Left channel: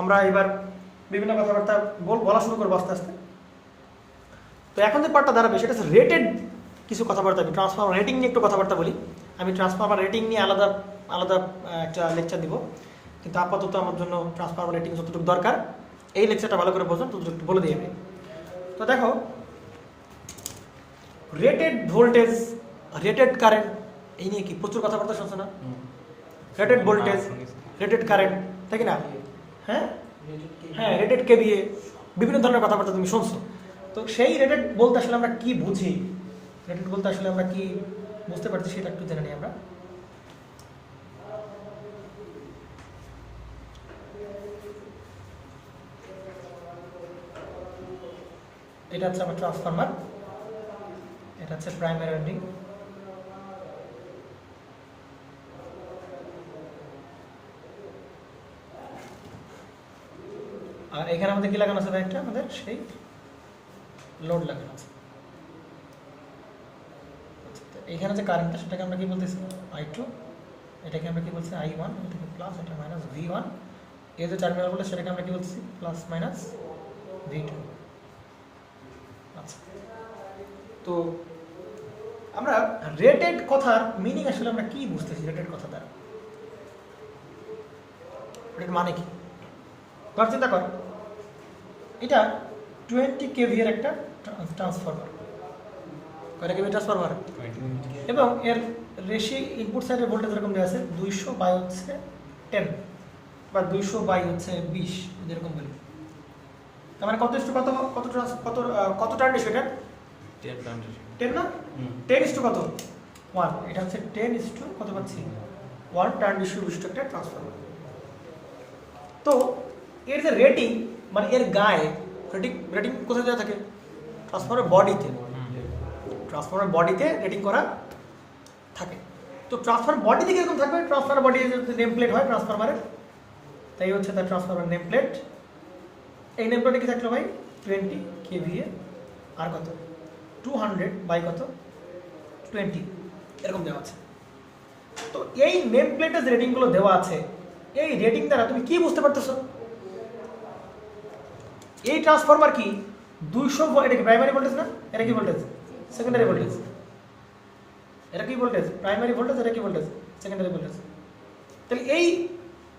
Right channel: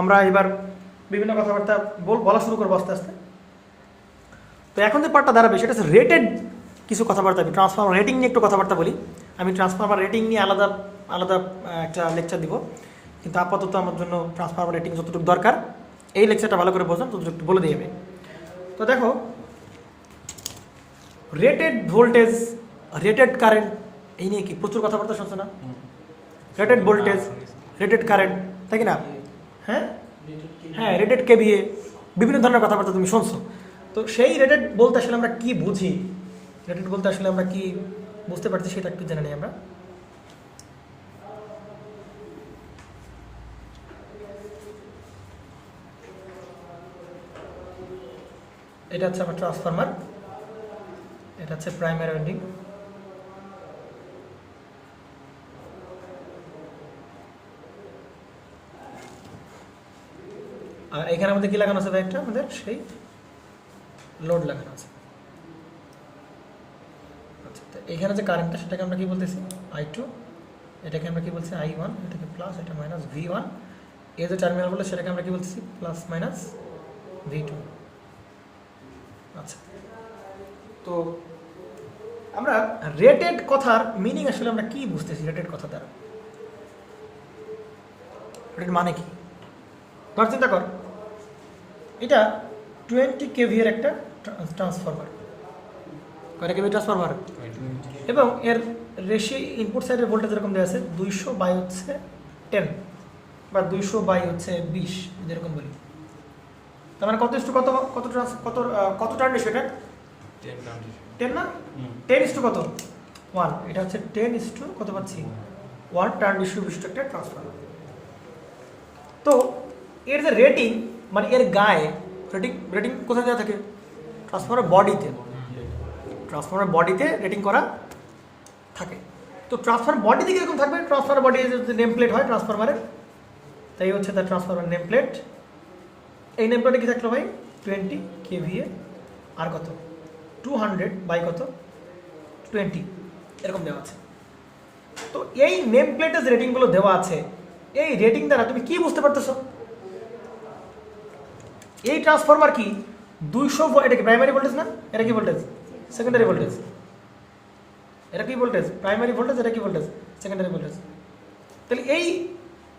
আমরা এবার বিভিন্ন কথাবার্তা বলা শুরু করবো আস্তে আস্তে। তো এখন যে পার্টটা দাঁড়াবে সেটা হচ্ছে রেটেড কিছু কথাবার্তা। আমি ট্রান্সফর্মার রেটিং নিয়ে একটু কথাবার্তা বলি। আমি ট্রান্সফর্মার রেটিং নিয়ে আলাদা আলাদা একটা লেকচার দিব, কিন্তু আপাতত আমার জন্য ট্রান্সফর্মার রেটিং যতটুকু দরকার এই লেকচারটা ভালো করে বোঝেন, ততটুকু একটু বলে দিয়ে। তো দেখো, রেটেড ভোল্টেজ, রেটেড কারেন্ট, এই নিয়ে কি প্রচুর কথাবার্তা শুনছো না? রেটেড ভোল্টেজ, রেটেড কারেন্ট, তাই কি না? হ্যাঁ হ্যাঁ, রেটেড কেভিএ, বিভিন্ন ধরনের কথাবার্তা তুমি শুনছো। তো সেই রেটেড বলতে আসলে আমরা কি বুঝি, রেটেড বলতে আসলে আমরা কি বুঝতে পারছি সেটা একটু জেনে নিই আমরা। এটা হচ্ছে আমার ট্রান্সফরমার, এটা হচ্ছে প্রাইমারি ওয়াইন্ডিং, আর এখানে আমাদের কি লাগানো আছে একটা, আমাদের সেই লোড লাগানো আছে। এইখানে যে কারেন্টটা সেটাকে আমরা কি বলতেছি I2, এটাকে আমরা কি বলছি I1, এটাকে প্লাস, এটা মাইনাস V1, এই যে টার্মিনাল বলে সেটাকে আমরা কি বলতেছি প্লাস মাইনাস V2। আচ্ছা, তো আমরা রেটেড কথার মিনিং আসলে আমরা কি বুঝতেছি রেটেড কথা দ্বারা? রেটেড মানে কি? ধর চিন্তা কর, এটা 20 kV এর একটা ট্রান্সফরমার, কয়টা কেভি ট্রান্সফরমার, এবং এর রেশি ইনপুট সাইডের ভোল্টেজ এরকম দেওয়া আছে 200 বাই হচ্ছে 10 বা 200 বাই হচ্ছে 20, যেরকম বলি। তার মানে কত ইস্টু কত, কত কত কত টার্ন রেশিও? এটা 10 না? 10 ইস্টু কত? 1। এটা হচ্ছে 10 ইস্টু কত পাচ্ছি 1 টার্ন রেশিও বিশিষ্ট একটা ট্রান্সফরমার। তো এর যে রেটিং, মানে এর গায়ে রেটিং, রেটিং কোথায় দেওয়া থাকে? ট্রান্সফরমার বডিতে, ট্রান্সফরমার বডিতে রেটিং করা থাকে। তো ট্রান্সফরমার বডিতে কিরকম থাকবে? ট্রান্সফরমার বডি যে নেম প্লেট হয় ট্রান্সফরমারের, তাই হচ্ছে তার ট্রান্সফরমার নেম প্লেট। এই নেম প্লেটে কি থাকলো ভাই? 20 kVA আর কত 200 বাই কত 20, এরকম দেওয়া আছে। তো এই নেম প্লেটে যে রেটিংগুলো দেওয়া আছে, এই রেটিং দ্বারা তুমি কি বুঝতে পারতেছো? এই ট্রান্সফরমার কি 200, এটা কি প্রাইমারি ভোল্টেজ না? এটা কি ভোল্টেজ? Secondary voltage. এটা কি ভোল্টেজ? Primary voltage. এটা কি ভোল্টেজ? Secondary voltage. তাহলে এই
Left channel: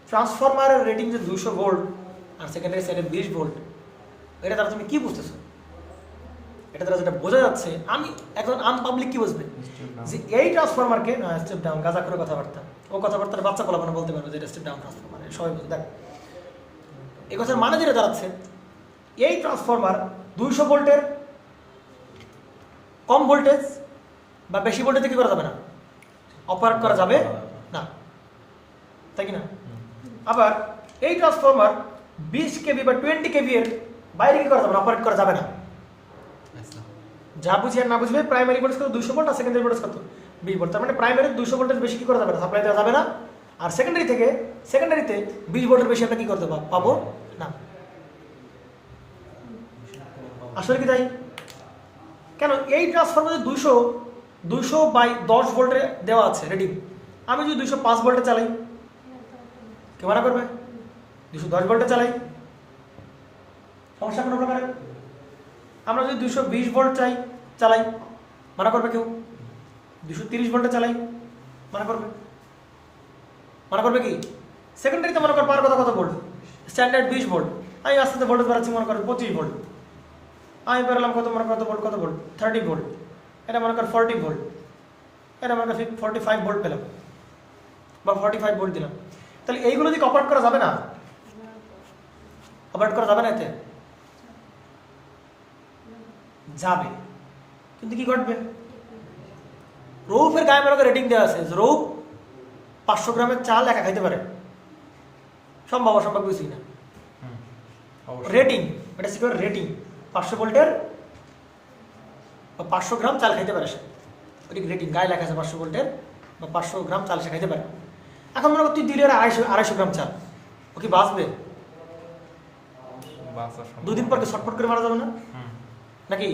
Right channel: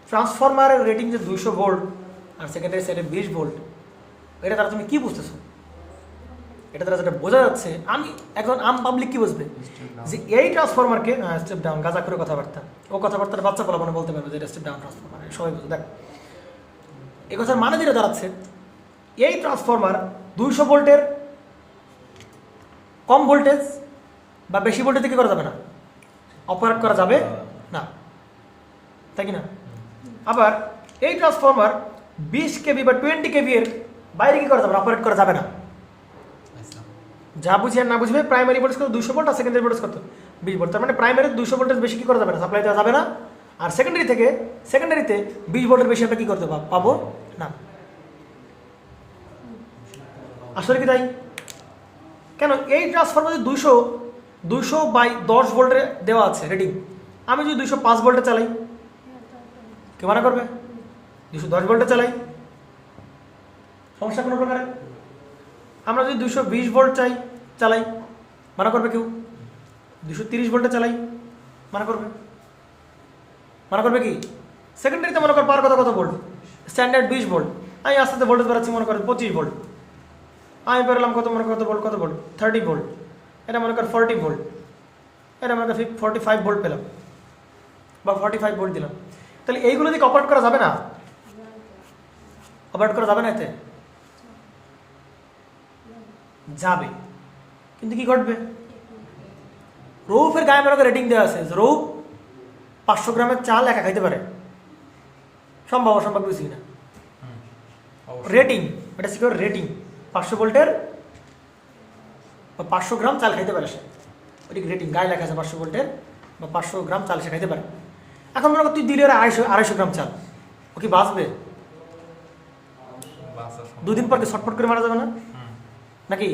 ট্রান্সফরমারের রেটিং যে 200 ভোল্ট আর সেকেন্ডারি সাইডে 20 ভোল্ট, এটা দ্বারা তুমি কি বুঝতেছো? এটা দ্বারা যেটা বোঝা যাচ্ছে, আমি এখন পাবলিক কি বুঝবে যে এই ট্রান্সফরমারকে স্টেপ ডাউন, গাজা করে কথাবার্তা, ও কথাবার্তার বাচ্চা বলা বলতে পারবে যে স্টেপ ডাউন ট্রান্সফরমার, সবাই বুঝে। দেখ, এই কথার মানে যেটা দাঁড়াচ্ছে, এই ট্রান্সফরমার 200 ভোল্টের কম ভোল্টেজ বা বেশি ভোল্টেজে কি করা যাবে না, অপারেট করা যাবে না, তাই কি না? আবার এই ট্রান্সফরমার 20 kV বা 20 kV এর বাইরে কি করা যাবে না, অপারেট করা যাবে না। যা বুঝি আর না বুঝবে, প্রাইমারি ভোল্টেজ কত 200 ভোল্ট আর সেকেন্ডারি ভোল্টেজ কত 20 ভোল্ট। তার মানে প্রাইমারি 200 ভোল্টেজ বেশি কি করা যাবে না, সাপ্লাই দেওয়া যাবে না। আর সেকেন্ডারিতে 20 ভোল্টের বেশি আমরা কি করতে পাবো না। আসলে কি তাই? কেন এই ট্রান্সফরমার 200 বাই 10 ভোল্টে দেওয়া আছে রেটিং, আমি যদি 205 ভোল্টে চালাই, কে মানা করবে? 210 ভোল্টে চালাই, সমস্যা কোনো প্রকারে? আমরা যদি 220 ভোল্ট চালাই, মানা করবে কেউ? 230 ভোল্টে চালাই, মানা করবে? মানা করবে কি? সেকেন্ডারিতে মনে কর পার কত ভোল্ট, স্ট্যান্ডার্ড 20 ভোল্ট, আমি আস্তে আস্তে ভোল্টেজ বাড়াচ্ছি, মনে করেন 25 ভোল্ট, আমি পেলাম কত, মনে কত ভোল্ট, 30 ভোল্ট, এটা মনে কর 40 ভোল্ট, এটা মনে কর 45 ভোল্ট পেলাম বা 45 ভোল্ট দিলাম। তাহলে এইগুলো যদি অপারেট করা যাবে না, অপারেট করা যাবে না, এতে যাবে, কিন্তু কি ঘটবে? রৌফের গায়ে মনে করে রেটিং দেওয়া আছে, রৌফ 500 গ্রামের চাল একা খাইতে পারে, সম্ভব অসম্ভব কিছুই না। রেটিং, এটা সিকিউর রেটিং, 500 ভোল্টের 500 গ্রাম চাল খাইতে পারে সে, ওটি রেটিং গায়ে লেখা আছে 500 ভোল্টের বা 500 গ্রাম চাল সে খাইতে পারে। এখন মনে কর তুই দিলে 250 গ্রাম চাল, ও কি বাঁচবে? 2 দিন পর ছটফট করে মারা যাবে না নাকি?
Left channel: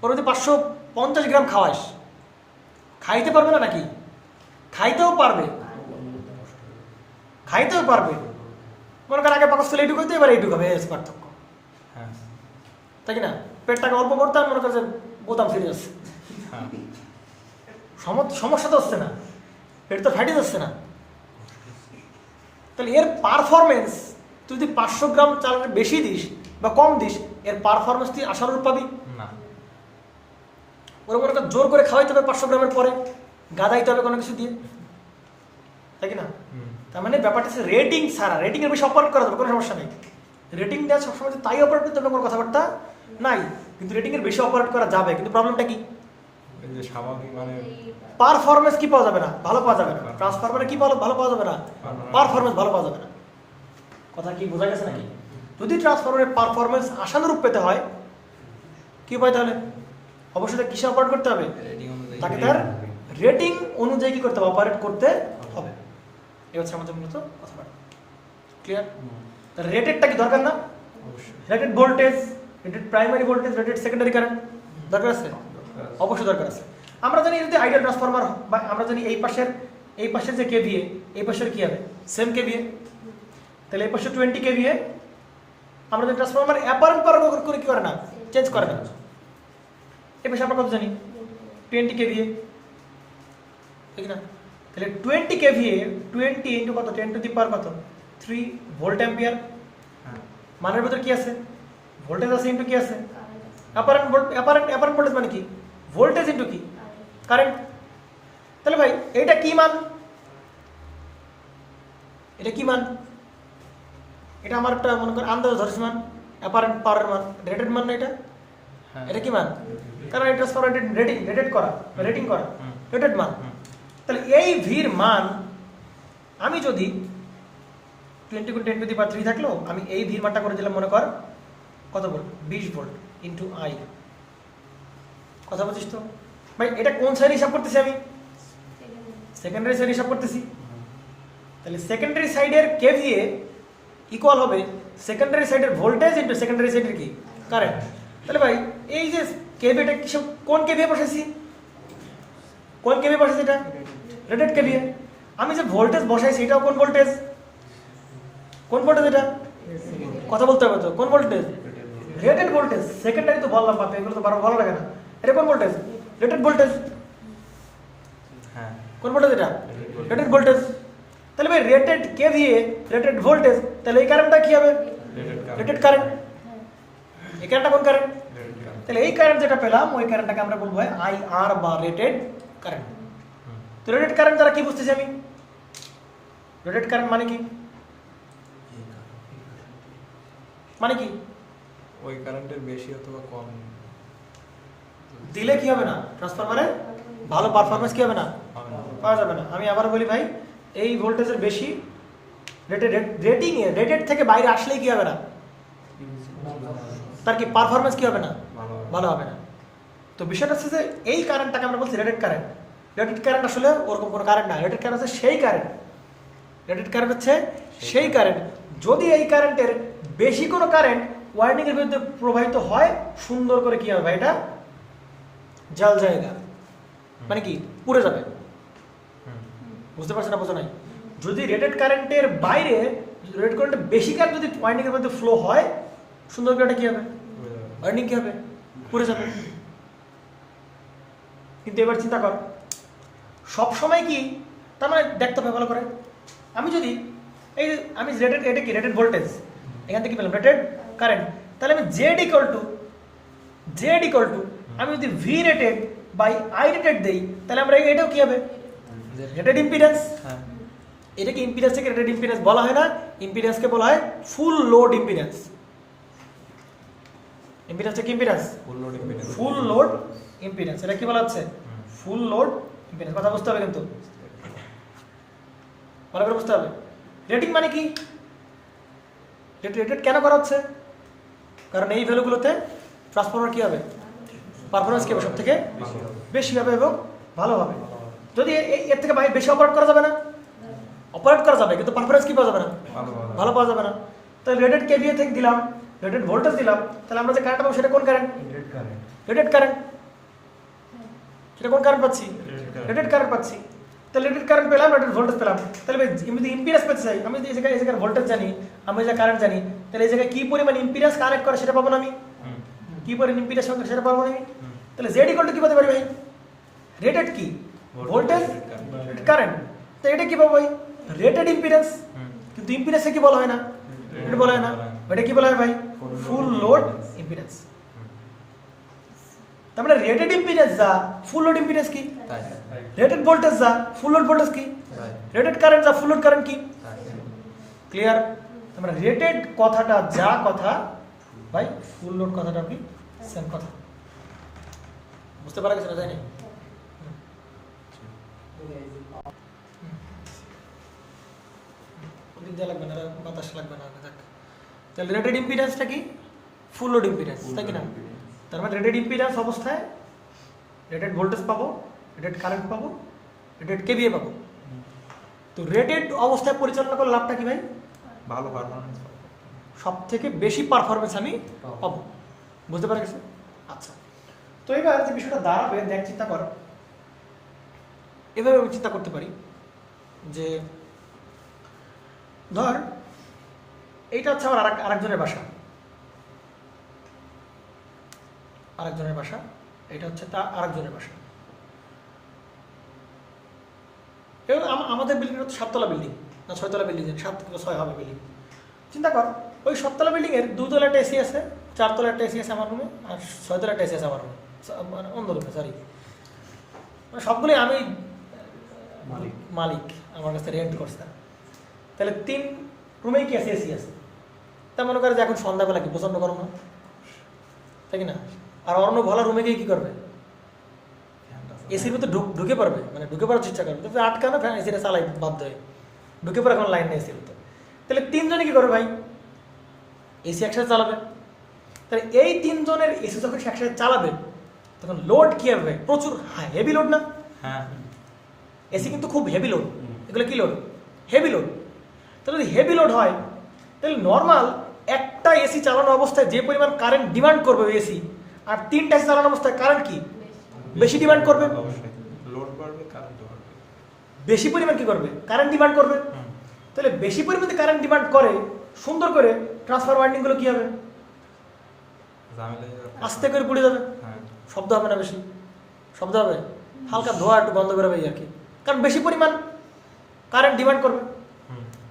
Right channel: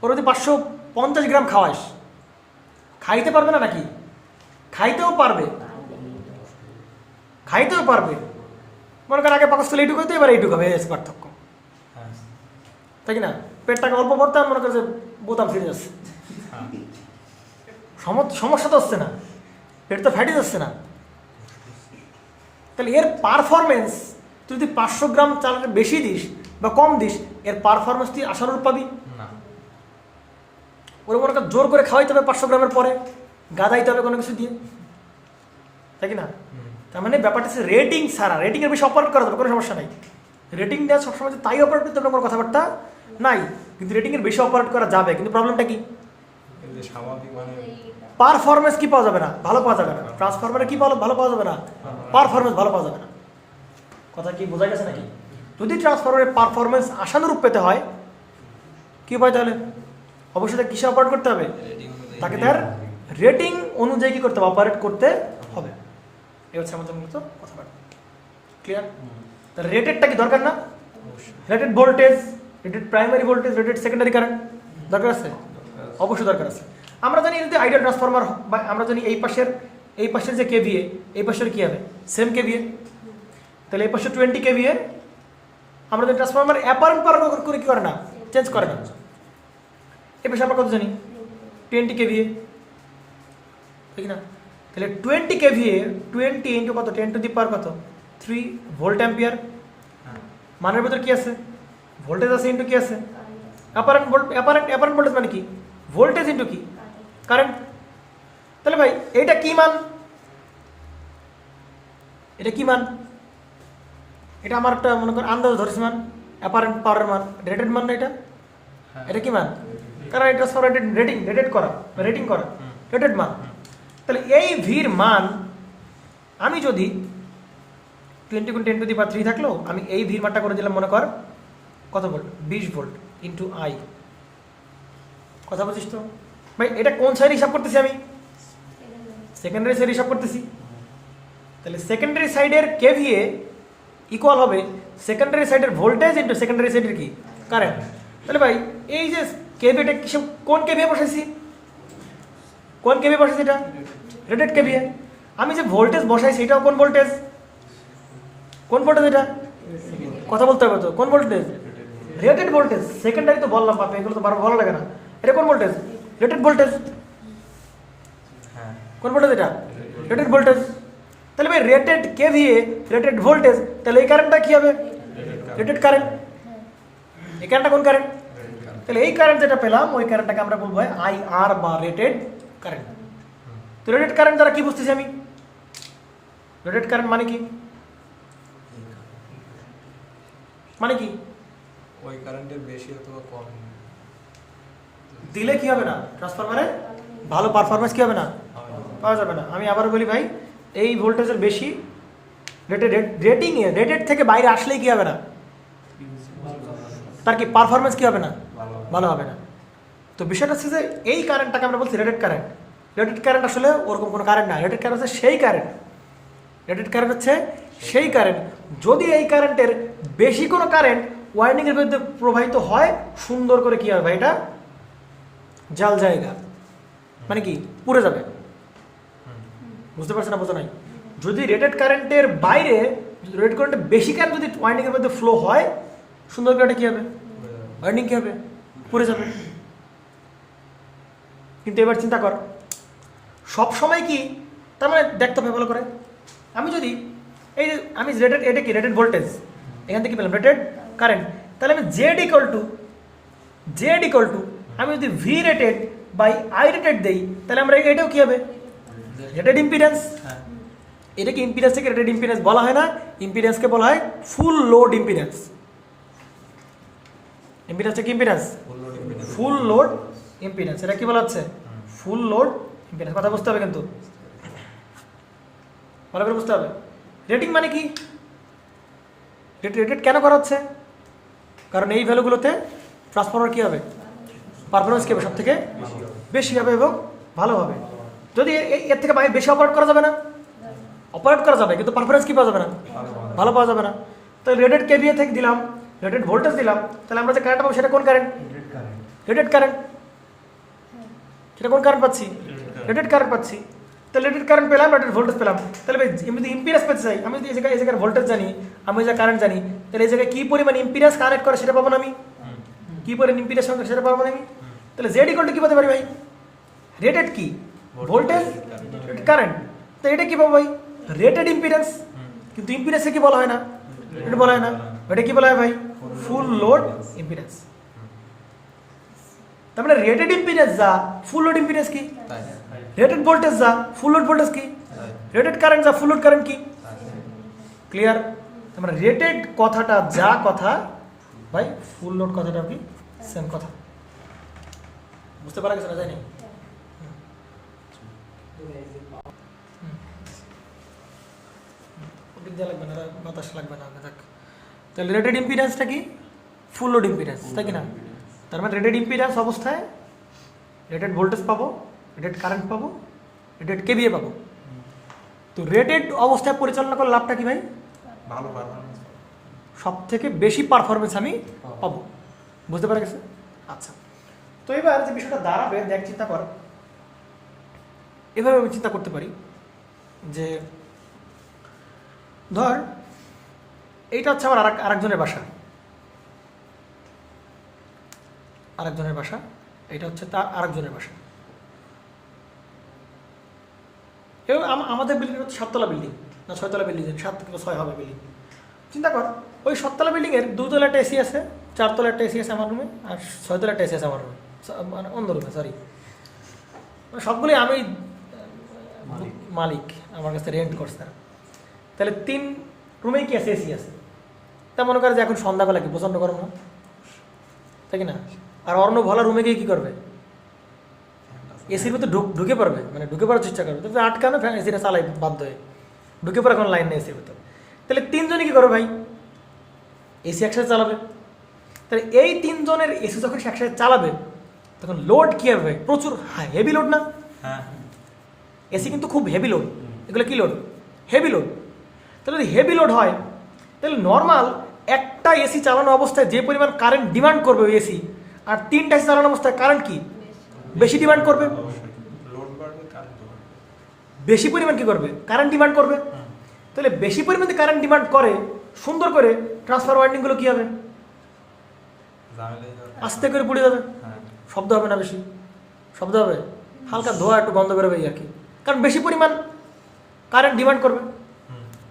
ওর যদি 550 গ্রাম খাওয়াস, খাইতে পারবে না নাকি? খাইতেও পারবে, মনে করেন আগে পাকস্থলী এইটুকু হতো, এবার এইটুকু হবে, এই পার্থক্য, তাই কি না? পেটটাকে অল্প করতে মনে করছে বোতাম ফিরে যাচ্ছে, সমস্যা তো হচ্ছে না, পেট তো ফ্যাটি যাচ্ছে না। তাহলে এর পারফরমেন্স তুই যদি 500 গ্রাম চালের বেশি দিস বা কম দিস, এর পারফরমেন্স তুই আশানুরূপ পাবি? ওরা মনে কর জোর করে খাওয়াইতে হবে 500 গ্রামের পরে, গাদাইতে হবে কোনো কিছু দিয়ে, তাই কি না? তার মানে ব্যাপারটা হচ্ছে রেটিং ছাড়া, রেটিংয়ের বেশি অপারেট করা যাবে, কোনো সমস্যা নেই। রেটিং দেওয়া সবসময় তাই অপারেট করতে হবে কোনো কথাবার্তা নাই, কিন্তু রেটিংয়ের বেশি অপারেট করা যাবে, কিন্তু প্রবলেমটা কি? পারফরমেন্স কি পাওয়া যাবে না, ভালো পাওয়া যাবে না। ট্রান্সফরমারে কি ভালো পাওয়া যাবে না, পারফরমেন্স ভালো পাওয়া যাবে না। কথা কি বোঝা গেছে নাকি? যদি ট্রান্সফরমারের পারফরমেন্স আশানুরূপ পেতে হয় কি পাই, তাহলে অবশ্যই তাকে কিসে অপারেট করতে হবে? তাকে তার রেটিং অনুযায়ী কি করতে হবে, অপারেট করতে হবে। এই হচ্ছে আমাদের মূলত কথাবার্তা। ক্লিয়ার? তাহলে রেটেডটা কি দরকার না? Rated voltage, rated primary voltage, rated secondary current দরকার আছে, অবশ্যই দরকার আছে। আমরা জানি যদি আইডিয়াল ট্রান্সফরমার, বা আমরা জানি এই পাশের যে কেভিএ, এই পাশের কি হবে, সেম কেভিএ। তাহলে এই পাশে 20 কেভিএ, আমরা যদি ট্রান্সফরমার অ্যাপারেন্ট পাওয়ার করে কি করে না, চেঞ্জ করে না। এই পাশে আমরা কত জানি, 20 কেভিএ, ঠিক না? তাহলে 20 কেভিএ 20 ইন্টু কত, 10 টু দি পাওয়ার কত, 3 ভোল্ট অ্যাম্পিয়ার। মানের ভিতরে কি আছে, ভোল্টেজ আছে ইন্টু কি আছে, অ্যাপারেন্ট ভোল্টেজ মানে কি, ভোল্টেজ ইন্টু কি, কারেন্ট। তাহলে ভাই এইটা কি মান, এটা কি মান, এটা আমার একটা মনে কর আন্দাজ ধরেছি মান, অ্যাপারেন্ট পাওয়ার মান, রেটেড মান না এটা, এটা কি মান? কারণ এটা রেটেড করা, রেটেড মান। তাহলে এই ভির মান আমি যদি 20 × 10 টু দি পাওয়ার 3 থাকলো, আমি এই ভির মানটা করে দিলাম মনে কর কত ভোল্ট, 20 ভোল্ট ইন্টু আই। কথা বলছিস তো ভাই? এটা কোন সাইড হিসাব করতেছি আমি? সেকেন্ডারি সাইড হিসাব করতেছি। তাহলে সেকেন্ডারি সাইডের কেভিএ ইকুয়াল হবে সেকেন্ডারি সাইডের ভোল্টেজ ইন্টু সেকেন্ডারি সাইডের কি, কারেন্ট। তাহলে ভাই এই যে কেভিএটা কোন কেভিএ বসাইছি, কোন কেভিএ বসাইছি, এটা রেটেড কেভিএ। আমি যে ভোল্টেজ বসাইছি এটাও কোন ভোল্টেজ, এটা কথা বলতে হবে তো, কোন ভোল্টেজ, রেটেড ভোল্টেজ। সেকেন্ডারি তো বললাম বাপে, এগুলো তো ভালো লাগে না। এটা কোন ভোল্টেজ, রেটেড ভোল্টেজ। কোন ভোল্টেজ এটা, রেটেড ভোল্টেজ। তাহলে ভাই রেটেড কেভিএ, রেটেড ভোল্টেজ, তাহলে এই কারেন্টটা কি হবে, রেটেড কারেন্ট। এই কারেন্টটা কোন কারেন্ট, তাহলে এই কারেন্ট যেটা পেলাম ওই কারেন্টটাকে আমরা বলবো আইআর বা রেটেড কারেন্ট। তো রেটেড কারেন্ট দ্বারা কি বুঝতেছি আমি, রেটেড কারেন্ট মানে কি, ওই কারেন্টের বেশি অথবা কম দিলে কি হবে না, ট্রান্সফরমারে ভালো পারফরমেন্স কি হবে না, পাওয়া যাবে না। আমি আবার বলি ভাই, এই ভোল্টেজের বেশি রেটেড থেকে বাইরে আসলেই কি হবে না, তার কি পারফরমেন্স কি হবে না, ভালো হবে না। তো বিষয়টা হচ্ছে যে এই কারেন্টটাকে আমরা বলছি রেটেড কারেন্ট। রেটেড কারেন্ট আসলে ওরকম কোনো কারেন্ট না, রেটেড কারেন্ট হচ্ছে সেই কারেন্ট, যদি এই কারেন্টের বেশি কোনো কারেন্ট ওয়াইন্ডিং এর মধ্যে প্রবাহিত হয়, সুন্দর করে কি হবে ভাই, এটা জাল জায়গা মানে কি পুড়ে যাবে। বুঝতে পারছেন না, বোঝা নাই? যদি রেটেড কারেন্টের বাইরে, রেটেড কারেন্টের বেশি কারেন্ট যদি ওয়াইন্ডিং এর মধ্যে ফ্লো হয়, সুন্দর করে এটা কি হবে, ওয়াইন্ডিং কি হবে, পুড়ে যাবে। কিন্তু এবার চিন্তা কর, সব সময় কি, তার মানে দেখতে হবে ভালো করে, আমি যদি আমি রেটেড, এটা কি রেটেড ভোল্টেজ, এখান থেকে পেলাম রেটেড কারেন্ট, তাহলে আমি জেড ইকুয়াল টু আমি যদি V rated by I rated দেই, তাহলে আমরা এটাও কি হবে, রেটেড ইম্পিডেন্স। এটা কি ইম্পিডেন্স থেকে রেটেড ইম্পিডেন্স বলা হয় না, ইম্পিডেন্সকে বলা হয় ফুল লোড ইম্পিডেন্স। ইম্পিডেন্সটা কি ইম্পিডেন্স, ফুল লোড ইম্পিডেন্স। এটা কি বলা হচ্ছে, ফুল লোড ইম্পিডেন্স। কথা বুঝতে হবে কিন্তু, ভালো করে বুঝতে হবে। রেটিং মানে কি, রেটেড কেন করা হচ্ছে, কারণ এই ভ্যালুগুলোতে ট্রান্সফরমার কি হবে, পারফরমেন্স কি হবে, সব থেকে বেশি হবে এবং ভালো হবে। যদি এর থেকে বেশি অপারেট করা যাবে না, অপারেট করা যাবে কিন্তু পারফরমেন্স কি পাওয়া যাবে না, ভালো পাওয়া যাবে না। তাহলে রেটেড কেভিএ থেকে দিলাম, রেটেড ভোল্টেজ দিলাম, তাহলে আমরা যে কারেন্ট পাবো সেটা কোন কারেন্ট, রেটেড কারেন্ট। সেটা কোন কারেন্ট পাচ্ছি, রেটেড কারেন্ট পাচ্ছি। তাহলে রেটেড কারেন্ট পেলাম, রেটেড ভোল্টেজ পেলাম। তাহলে আমি যদি ইম্পিডেন্স পেতে চাই, আমি যদি এই জায়গায় ভোল্টেজ জানি আমি যে কারেন্ট জানি, তাহলে এই জায়গায় কি পরিমাণ ইম্পিডেন্স কানেক্ট করে সেটা পাবো না আমি? কি পরিমাণ ইম্পিডেন্স কানেক্ট সেটা পাবো না আমি? তাহলে জেড ইকুয়াল টু কি পেতে পারি ভাই? রেটেড কি? Voltage current. তো এটা কি পাবো ভাই? Rated impedance. কিন্তু ইম্পিডেন্সে কি বলা হয় না? এটা বলা হয় না। এটা কি বলা হয় ভাই? Full load impedance. তার মানে রেটেড ইম্পিডেন্স যা, ফুল লোড ইম্পিডেন্স কি? রেটেড ভোল্টেজ যা, ফুল লোড ভোল্টেজ কি? রেটেড কারেন্ট যা, ফুল লোড কারেন্ট কি? ক্লিয়ার? মানে রেটেড কথাটা যা কথা ভাই, ফুল লোড কথাটা কি সেম কথা। বুঝতে পারা গেছে না? জানি বিদ্যা লাগবে না, বাতাস লাগবে না। দেখ, তাহলে রেটেড ইম্পিডেন্সটা কি? ফুল লোড ইম্পিডেন্স, তাই কি না? তার মানে রেটেড ইম্পিডেন্স অবস্থায় রেটেড ভোল্টেজ পাবো, রেটেড কারেন্ট পাবো, রেটেড কেভিএ পাবো। তো রেটেড অবস্থায় পরিচালনা করার লাভটা কি ভাই? ভালো পারফরম্যান্স, সব থেকে বেশি পারফরমেন্স আমি পাবো। বুঝতে পারা গেছে? আচ্ছা, তো এবার যে বিষয়টা দাঁড়াবে, দেখ চিন্তা কর, এভাবে আমি চিন্তা করতে পারি যে ধর এইটা হচ্ছে আমার আরেকজনের বাসা, আরেকজনের বাসা, এটা হচ্ছে তার আরেকজনের বাসা। এবার আমাদের বিল্ডিং হচ্ছে 7 তলা বিল্ডিং না 6 তলা বিল্ডিং, 7 থেকে 6 হবে বিল্ডিং। চিন্তা কর, ওই 7 তলা বিল্ডিং এর 2 তলা একটা এসি আছে, 4 তলা একটা এসি আছে আমার রুমে, আর 6 তলা একটা এসি আছে আমার রুমে, মানে অন্য রুমে, সরি, সবগুলোই আমি মালিক, আমার কাছে রেন্ট করছে। তাহলে 3 রুমেই কি আছে? এসি আছে। তা মনে করে যে এখন সন্ধ্যাবেলা কি প্রচন্ড গরম হয়, তাই কি না? আর অন্য ভালো রুমে গিয়ে কি করবে? এসির মধ্যে ঢুকে পড়বে, মানে ঢুকে পড়ার চেষ্টা করবে, তো আটকানো ফ্যান এসিটা চালাই বাধ্য হয়ে ঢুকে পড়ে, এখন লাইন নেই এসির ভিতরে। তাহলে 3 জনে কি করবে ভাই? এসি একসাথে চালাবে। তাহলে এই 3 জনের এসি যখন একসাথে চালাবে তখন লোড কি হবে? প্রচুর হেভি লোড না? এসি কিন্তু খুব হেভি লোড। এগুলো কি লোড? Heavy load. তাহলে যদি হেভি লোড হয়, তাহলে নর্মাল একটা এসি চালানো অবস্থায় যে পরিমাণ কারেন্ট ডিমান্ড করবে ওই এসি, আর 3টা এসি চালানো অবস্থায় কারেন্ট কি বেশি ডিমান্ড করবে? লোড বাড়বে, কারেন্ট বাড়বে, বেশি পরিমাণ কি করবে? কারেন্ট ডিমান্ড করবে। তাহলে বেশি পরিমাণ যদি কারেন্ট ডিমান্ড করে, সুন্দর করে ট্রান্সফার ওয়াইন্ডিংগুলো কি হবে? আস্তে করে পড়ে যাবে, শব্দ হবে না, বেশি শব্দ হবে, হালকা ধোয়া একটু বন্ধ করে আর কি, কারণ বেশি পরিমাণ কারেন্ট ডিমান্ড করবে।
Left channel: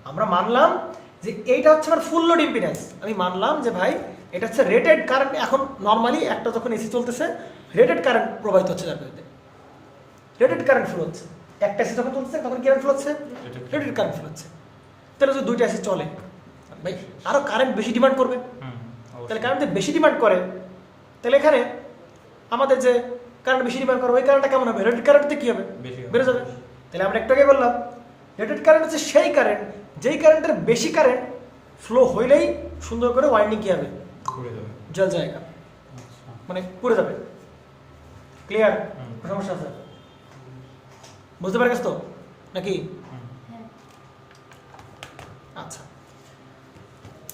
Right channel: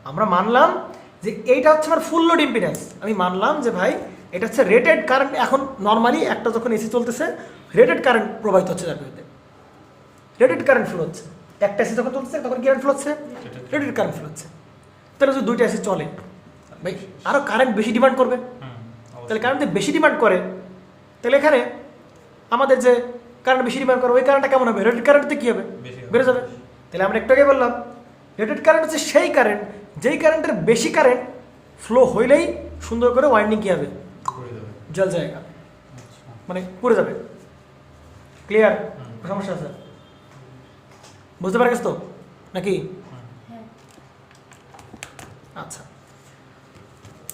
আমরা মানলাম যে এইটা হচ্ছে আমার ফুল লোড ইম্পিডেন্স। আমি মানলাম যে ভাই এটা হচ্ছে রেটেড কারেন্ট। এখন নর্মালি একটা যখন এসি চলতেছে, রেটেড কারেন্ট প্রবাহিত হচ্ছে, যাকে রেটেড কারেন্ট ফ্লো হচ্ছে। একটা এসি যখন চলতেছে তখন কি কারেন্ট ফ্লো হচ্ছে? রেটেড কারেন্ট ফ্লো হচ্ছে। তাহলে যদি 2টা এসি চলে ভাই, আরও কারেন্ট বেশি ডিমান্ড করবে। তাহলে কারেন্ট বেশি ডিমান্ড করে, তাহলে এখানে আমাদের যে কারেন্ট বেশি ডিমান্ড করে ওই কারেন্টটা কেমন হবে? রেটেড কারেন্টতে কি হবে? বেড়ে যাবে। তাহলে আমরা একটু আগে বললাম রেটেড কারেন্ট হচ্ছে সেই কারেন্ট যেই কারেন্টের বেশি কারেন্ট ফ্লো হইলেই সুন্দর করে ওয়াইন্ডিং কি হবে? জল জায়গা, মানে পুড়ে যাবে। ক্লিয়ার? সমস্যা আছে? বুঝতে পারছিস তো নাকি? আচ্ছা,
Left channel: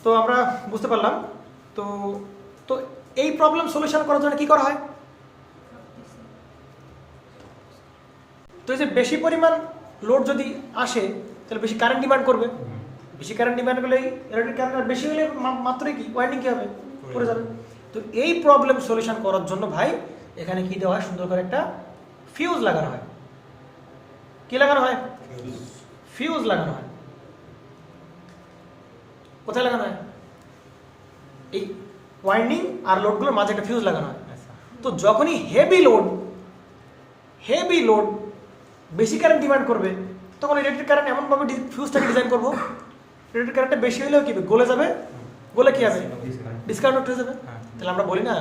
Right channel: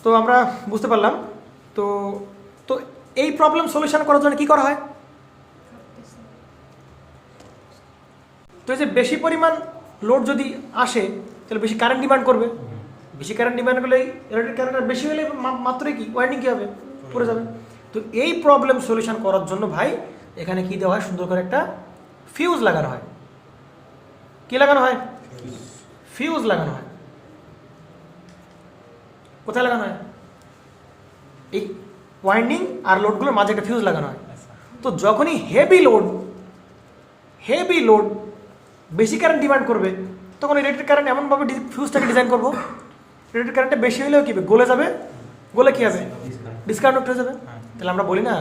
তো আমরা বুঝতে পারলাম। তো তো এই প্রবলেম সলিউশন করার জন্য কি করা হয়? তো এই যে বেশি পরিমাণ লোড যদি আসে তাহলে বেশি কারেন্ট ডিমান্ড করবে। বেশি কারেন্ট ডিমান্ড করলে রেটেড কারেন্ট বেশি হলে মাত্রই কি ওয়াইন্ডিং কি হবে? পড়ে যাবে। তো এই প্রবলেম সলিউশন করার জন্য ভাই এখানে কি দেওয়া হয়? সুন্দর করে একটা ফিউজ লাগানো হয়। কি লাগানো হয়? ফিউজ লাগানো হয়। কোথায় লাগানো হয়? এই ওয়াইন্ডিং আর লোডগুলোর মাঝে একটা ফিউজ লাগানো হয়। তো যখনই হেভি লোড বেশি কারেন্ট ডিমান্ড করবে, তখন রেটেড কারেন্ট এমনভাবে ফিউজটাকে ডিজাইন করবো, রেটেড কারেন্টটা বেশি হলেও কি গলে যাবে, গলে কি হবে? ডিসকানেক্ট হয়ে যাবে। তাহলে আমরা বলি না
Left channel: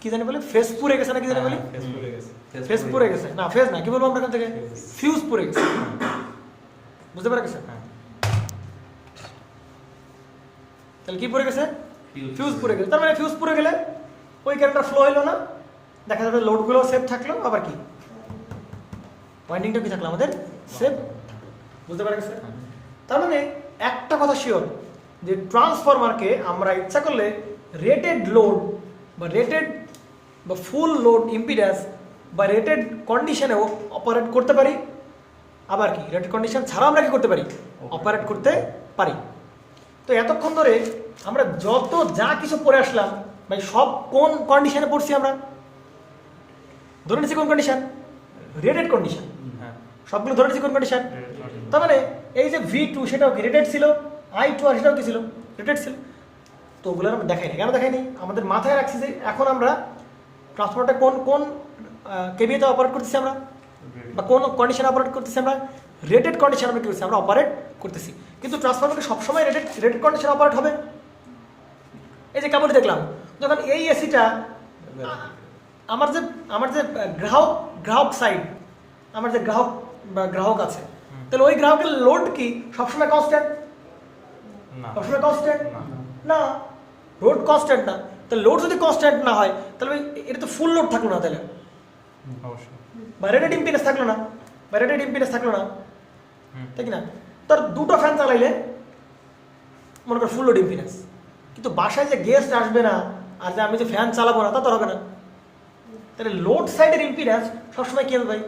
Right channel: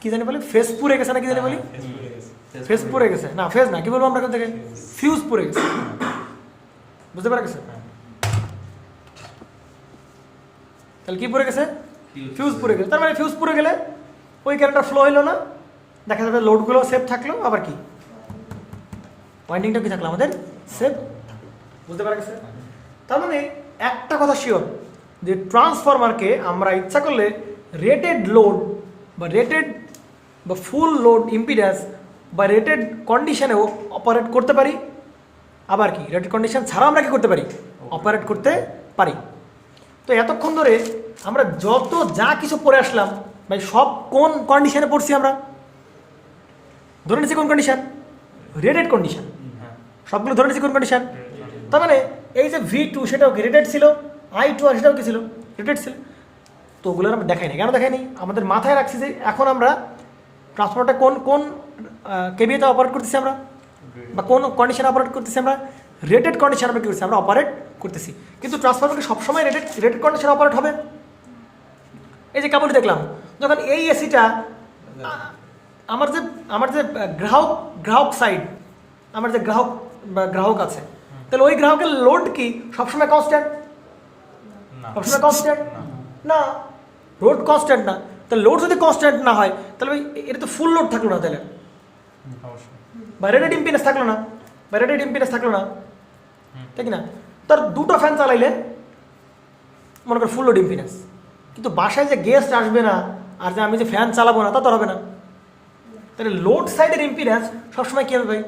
কি জানি বলি, ফেস পুড়ে গেছে না কি জানি বলি? ফেস পুড়ে গেছে না, ফেস না, কি বলবো আমরা এখান থেকে? ফিউজ পুড়ে গেছে। বুঝতে পারা গেছে? তাহলে কি পুড়ে গেছে? ফিউজ পুড়ে গেছে। তার মানে ফিউজ পুড়ে গেলে ওই কারেন্টটা ফ্লো হইলো না, দেখা যাবে লোডগুলো সেফ থাকলো, আবার কি ওয়াইন্ডিংটা কি থাকলো আমাদের সেফ। বুঝতে পারা গেছে? তার মানে একটা কথা শিওর, যে ট্রান্সফরমারকে আমরা ইচ্ছা করলে রেটেড লোড বা রেটেড বা ফুল লোড ইম্পিডেন্স বা রেটেড কন্ডিশনেও অপারেট করতে পারি, আবার কি রেটেড কন্ডিশন ছাড়া আমরা কি করতে পারি? অপারেট করতে পারি। তো এতক্ষণ ধরে আমরা যত যা কিছু পড়ে আসলাম ভাই সব কোন কন্ডিশনে পড়ছি আমরা? ধরে নিচ্ছি কোন কন্ডিশন? Rated condition. হ্যাঁ সবগুলো ধরে নিচ্ছি কোন কন্ডিশন? তার মানে এই যে V2 সেটাও কি রেটেড ছিল, I2 আর সেটাও কি ছিল রেটেড ছিল। তো ওগুলো আমরা দেখাইনি। কেন দেখাইনি? আমাদের মাথায় রাখছি যে এখন আমরা ট্রান্সফরমারটা কোন কোন কেভিতে অপারেট করতেছি আমরা, বা কোন কন্ডিশনে অপারেট করতেছি আমরা? রেটেড কন্ডিশনে আমরা কি করছি? আমরা অপারেট করতেছি। কিন্তু ট্রান্সফরমারকে সবসময় রেটেড কন্ডিশনে অপারেট হবে? এই যে কেবল দেখলাম যখন এই এসিটা আমার যে গ্রাহক সাইড, আমার যে গ্রাহক আছে, তাহলে ওই গ্রাহকের লোড কি সবসময় কনস্ট্যান্ট? না সবসময় কনস্ট্যান্ট না, লোড কনস্ট্যান্ট না। তাহলে লোড যদি কনস্ট্যান্ট না হয় তাহলে এটা তো ফুল লোড থাকলো না, তাহলে অবশ্যই বা রেটেড ইম্পিডেন্স থাকলো না, তাই কি না? তার দুটো ফ্যান চালাইলে মনে করো ফুল লোড ইম্পিডেন্স, কিন্তু বাসায় যে গেস্ট আসবে না আর যে আমি যে ফ্যান চালাবো না তা তো হবে না। তাহলে লোড সাইডের ইম্পিডেন্স সবসময় কি হবে ভাই?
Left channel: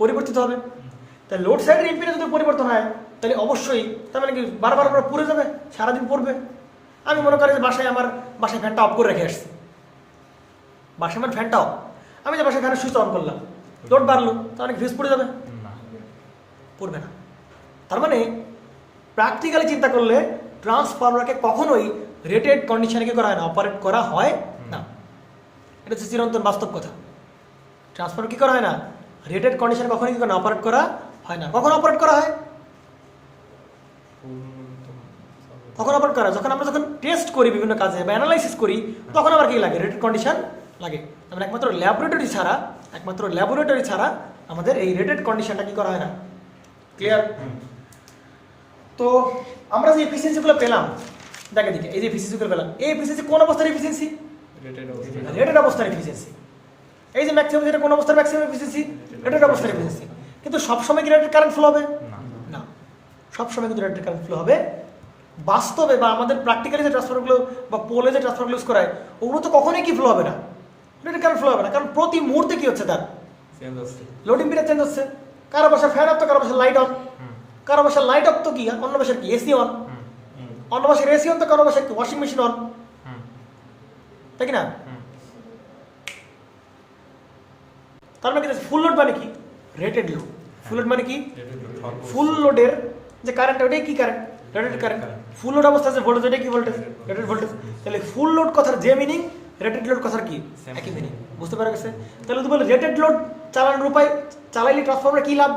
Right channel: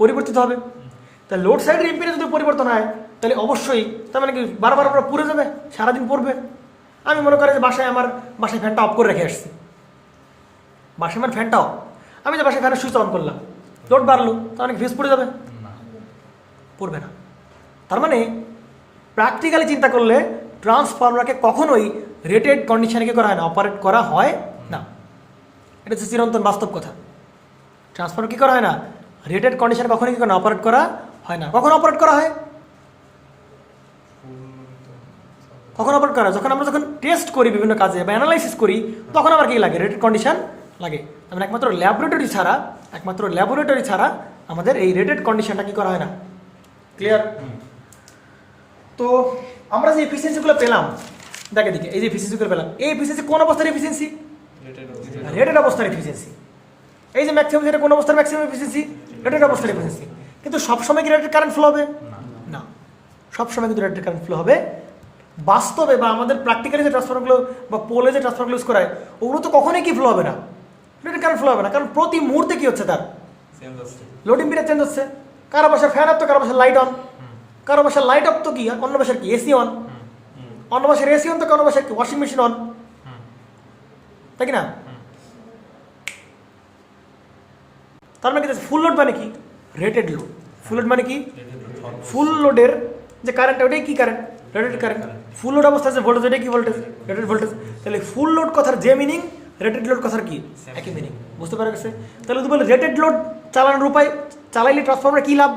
পরিবর্তিত হবে। তাহলে লোড সাইডের ইম্পিডেন্স যদি পরিবর্তন হয় তাহলে অবশ্যই তার মানে কি বারবার আমরা পুড়ে যাবে, সারাদিন পড়বে। আমি মনে করি যে আমার বাসায় ফ্যানটা অফ করে রেখে আসছি, বাসায় আমার ফ্যানটা অফ, আমি যে বাসায় ফ্যানের সুইচ অন করলাম, লোড বাড়লো, তার মানে ফিউজ পড়ে যাবে? না পড়বে না। তার মানে প্র্যাকটিক্যালি চিন্তা করলে ট্রান্সফরমারকে কখনোই রেটেড কন্ডিশনে কি করা হয় না, অপারেট করা হয় না। এটা হচ্ছে চিরন্তন বাস্তব কথা। ট্রান্সফরমার কি করা হয় না, রেটেড কন্ডিশনে কখনোই কি অপারেট করা হয় না। কখন অপারেট করা হয়? কখন অপারেট করা হয়? যখন টেস্ট করি বিভিন্ন কাজে বা অ্যানালাইসিস করি, তখন আমার কি লাগে? রেটেড কন্ডিশন লাগে। মানে একমাত্র ল্যাবরেটরি ছাড়া আমাদের এই রেটেড কন্ডিশনটা কি করা হয় না। ক্লিয়ার? তো আমরা যে এফিসিয়েন্সিগুলো পেলাম, দেখে দিকে এই যে এফিসিয়েন্সিগুলো পেলাম, এই এফিসিয়েন্সি কোন অবস্থার এফিসিয়েন্সি? রেটেড অবস্থার এফিসিয়েন্সি। এই যে ম্যাক্সিমাম, যেটা কোন অবস্থার ম্যাক্সিমাম এফিসিয়েন্সি? রেটেড অবস্থার এফিসিয়েন্সি। কিন্তু সবসময় কি রেটেড কারেন্ট ফ্লো হবে? না, সবসময় কিন্তু রেটেড কারেন্ট ফ্লো হবে বাস্তবে বা আমাদের প্র্যাকটিক্যালি যে ট্রান্সফরমারগুলো বা পোলে যে ট্রান্সফরমারগুলো ইউজ করা হয় ওগুলো তো কখনোই কি ফ্লো হবে না, রেটেড কারেন্ট ফ্লো হবে না। কারণ প্রতি মুহূর্তে কি হচ্ছে, তার লোড ইম্পিডেন্স চেঞ্জ হচ্ছে। কারো বাসায় ফ্যান অফ তো কারো বাসায় লাইট অন, কারো বাসায় লাইট অফ তো কি অন্য বাসায় কি এসি অন, অন্য বাসায় এসি অন তো কারো বাসায় ওয়াশিং মেশিন অন, তাই কি না? তার মানে কি ফুল লোড মানে কি? Rated load. ফুল লোড মানে কি? ফুল লোডের যে কারেন্ট ওটাই কি current? Rated current. Full load অবস্থা যে ভোল্টেজ ওটাই কি ভোল্টেজ? Rated voltage. তাহলে ফুল লোড কথার যে মিনিং, রেটেড লোড কথার কি একই মিনিং। বুঝতে পারা গেছে? তাহলে যদি বলে রেটেড লোড চালানোর উপায়, চালাইলে ট্রান্সফরমার কি লাভ?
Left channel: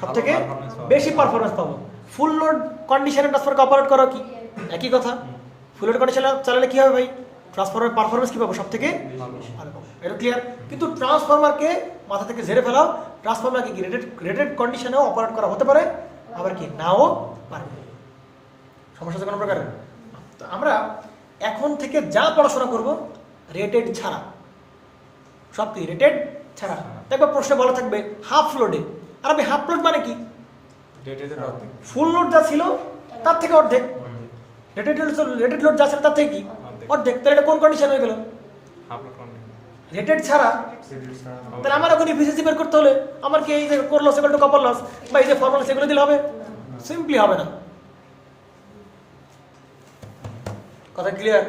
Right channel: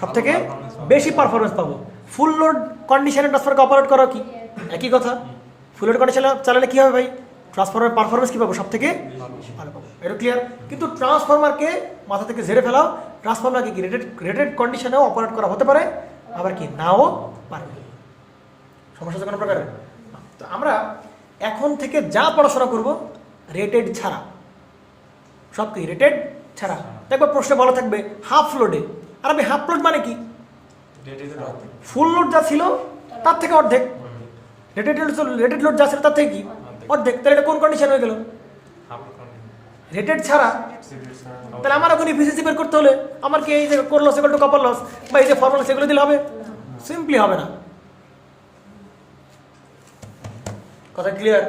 সব থেকে বেশি পারফরমেন্স পাবো। ফুল লোড কন্ডিশনে ট্রান্সফরমারকে অপারেট করা কি একই কথা। ফুল লোড কন্ডিশনে চালালে কি হবে ভাই? ট্রান্সফরমারের পারফরমেন্স কি পাবো? সব থেকে ভালো পাবো। এটা ক্লিয়ার? কিন্তু ট্রান্সফরমারকে মাথা থেকে ঝেড়ে ফেলাও, ট্রান্সফরমারকে কি রেটেড কন্ডিশনেও অপারেট করা হতে পারে, আবার কি নাও পারবে। সমস্যা কোনো প্রকার? তো আমরা এখন থেকে যা পড়াশোনা করব রেটেড ছাড়া, সব কি রেটেড ছাড়া। দেখবো প্রশ্ন বলা থাকবে হাফ লোডে, আর আমি হাফ লোড মানে কি? ফুল লোড যা ছিল তার থেকে অর্ধেক। রেটেড লোড যা ছিল তার থেকে কি অর্ধেক। তাহলে এটা কোন কন্ডিশন হয়ে গেল? রেটেড ছাড়া। তাহলে আমার এখন এফিসিয়েন্সি বের করতে হলে আমার কি এই যে core loss equal to copper loss বা এই যে ফর্মুলা সেগুলো দিলে হবে? সিম্পলি হবে না। কথা ক্লিয়ার?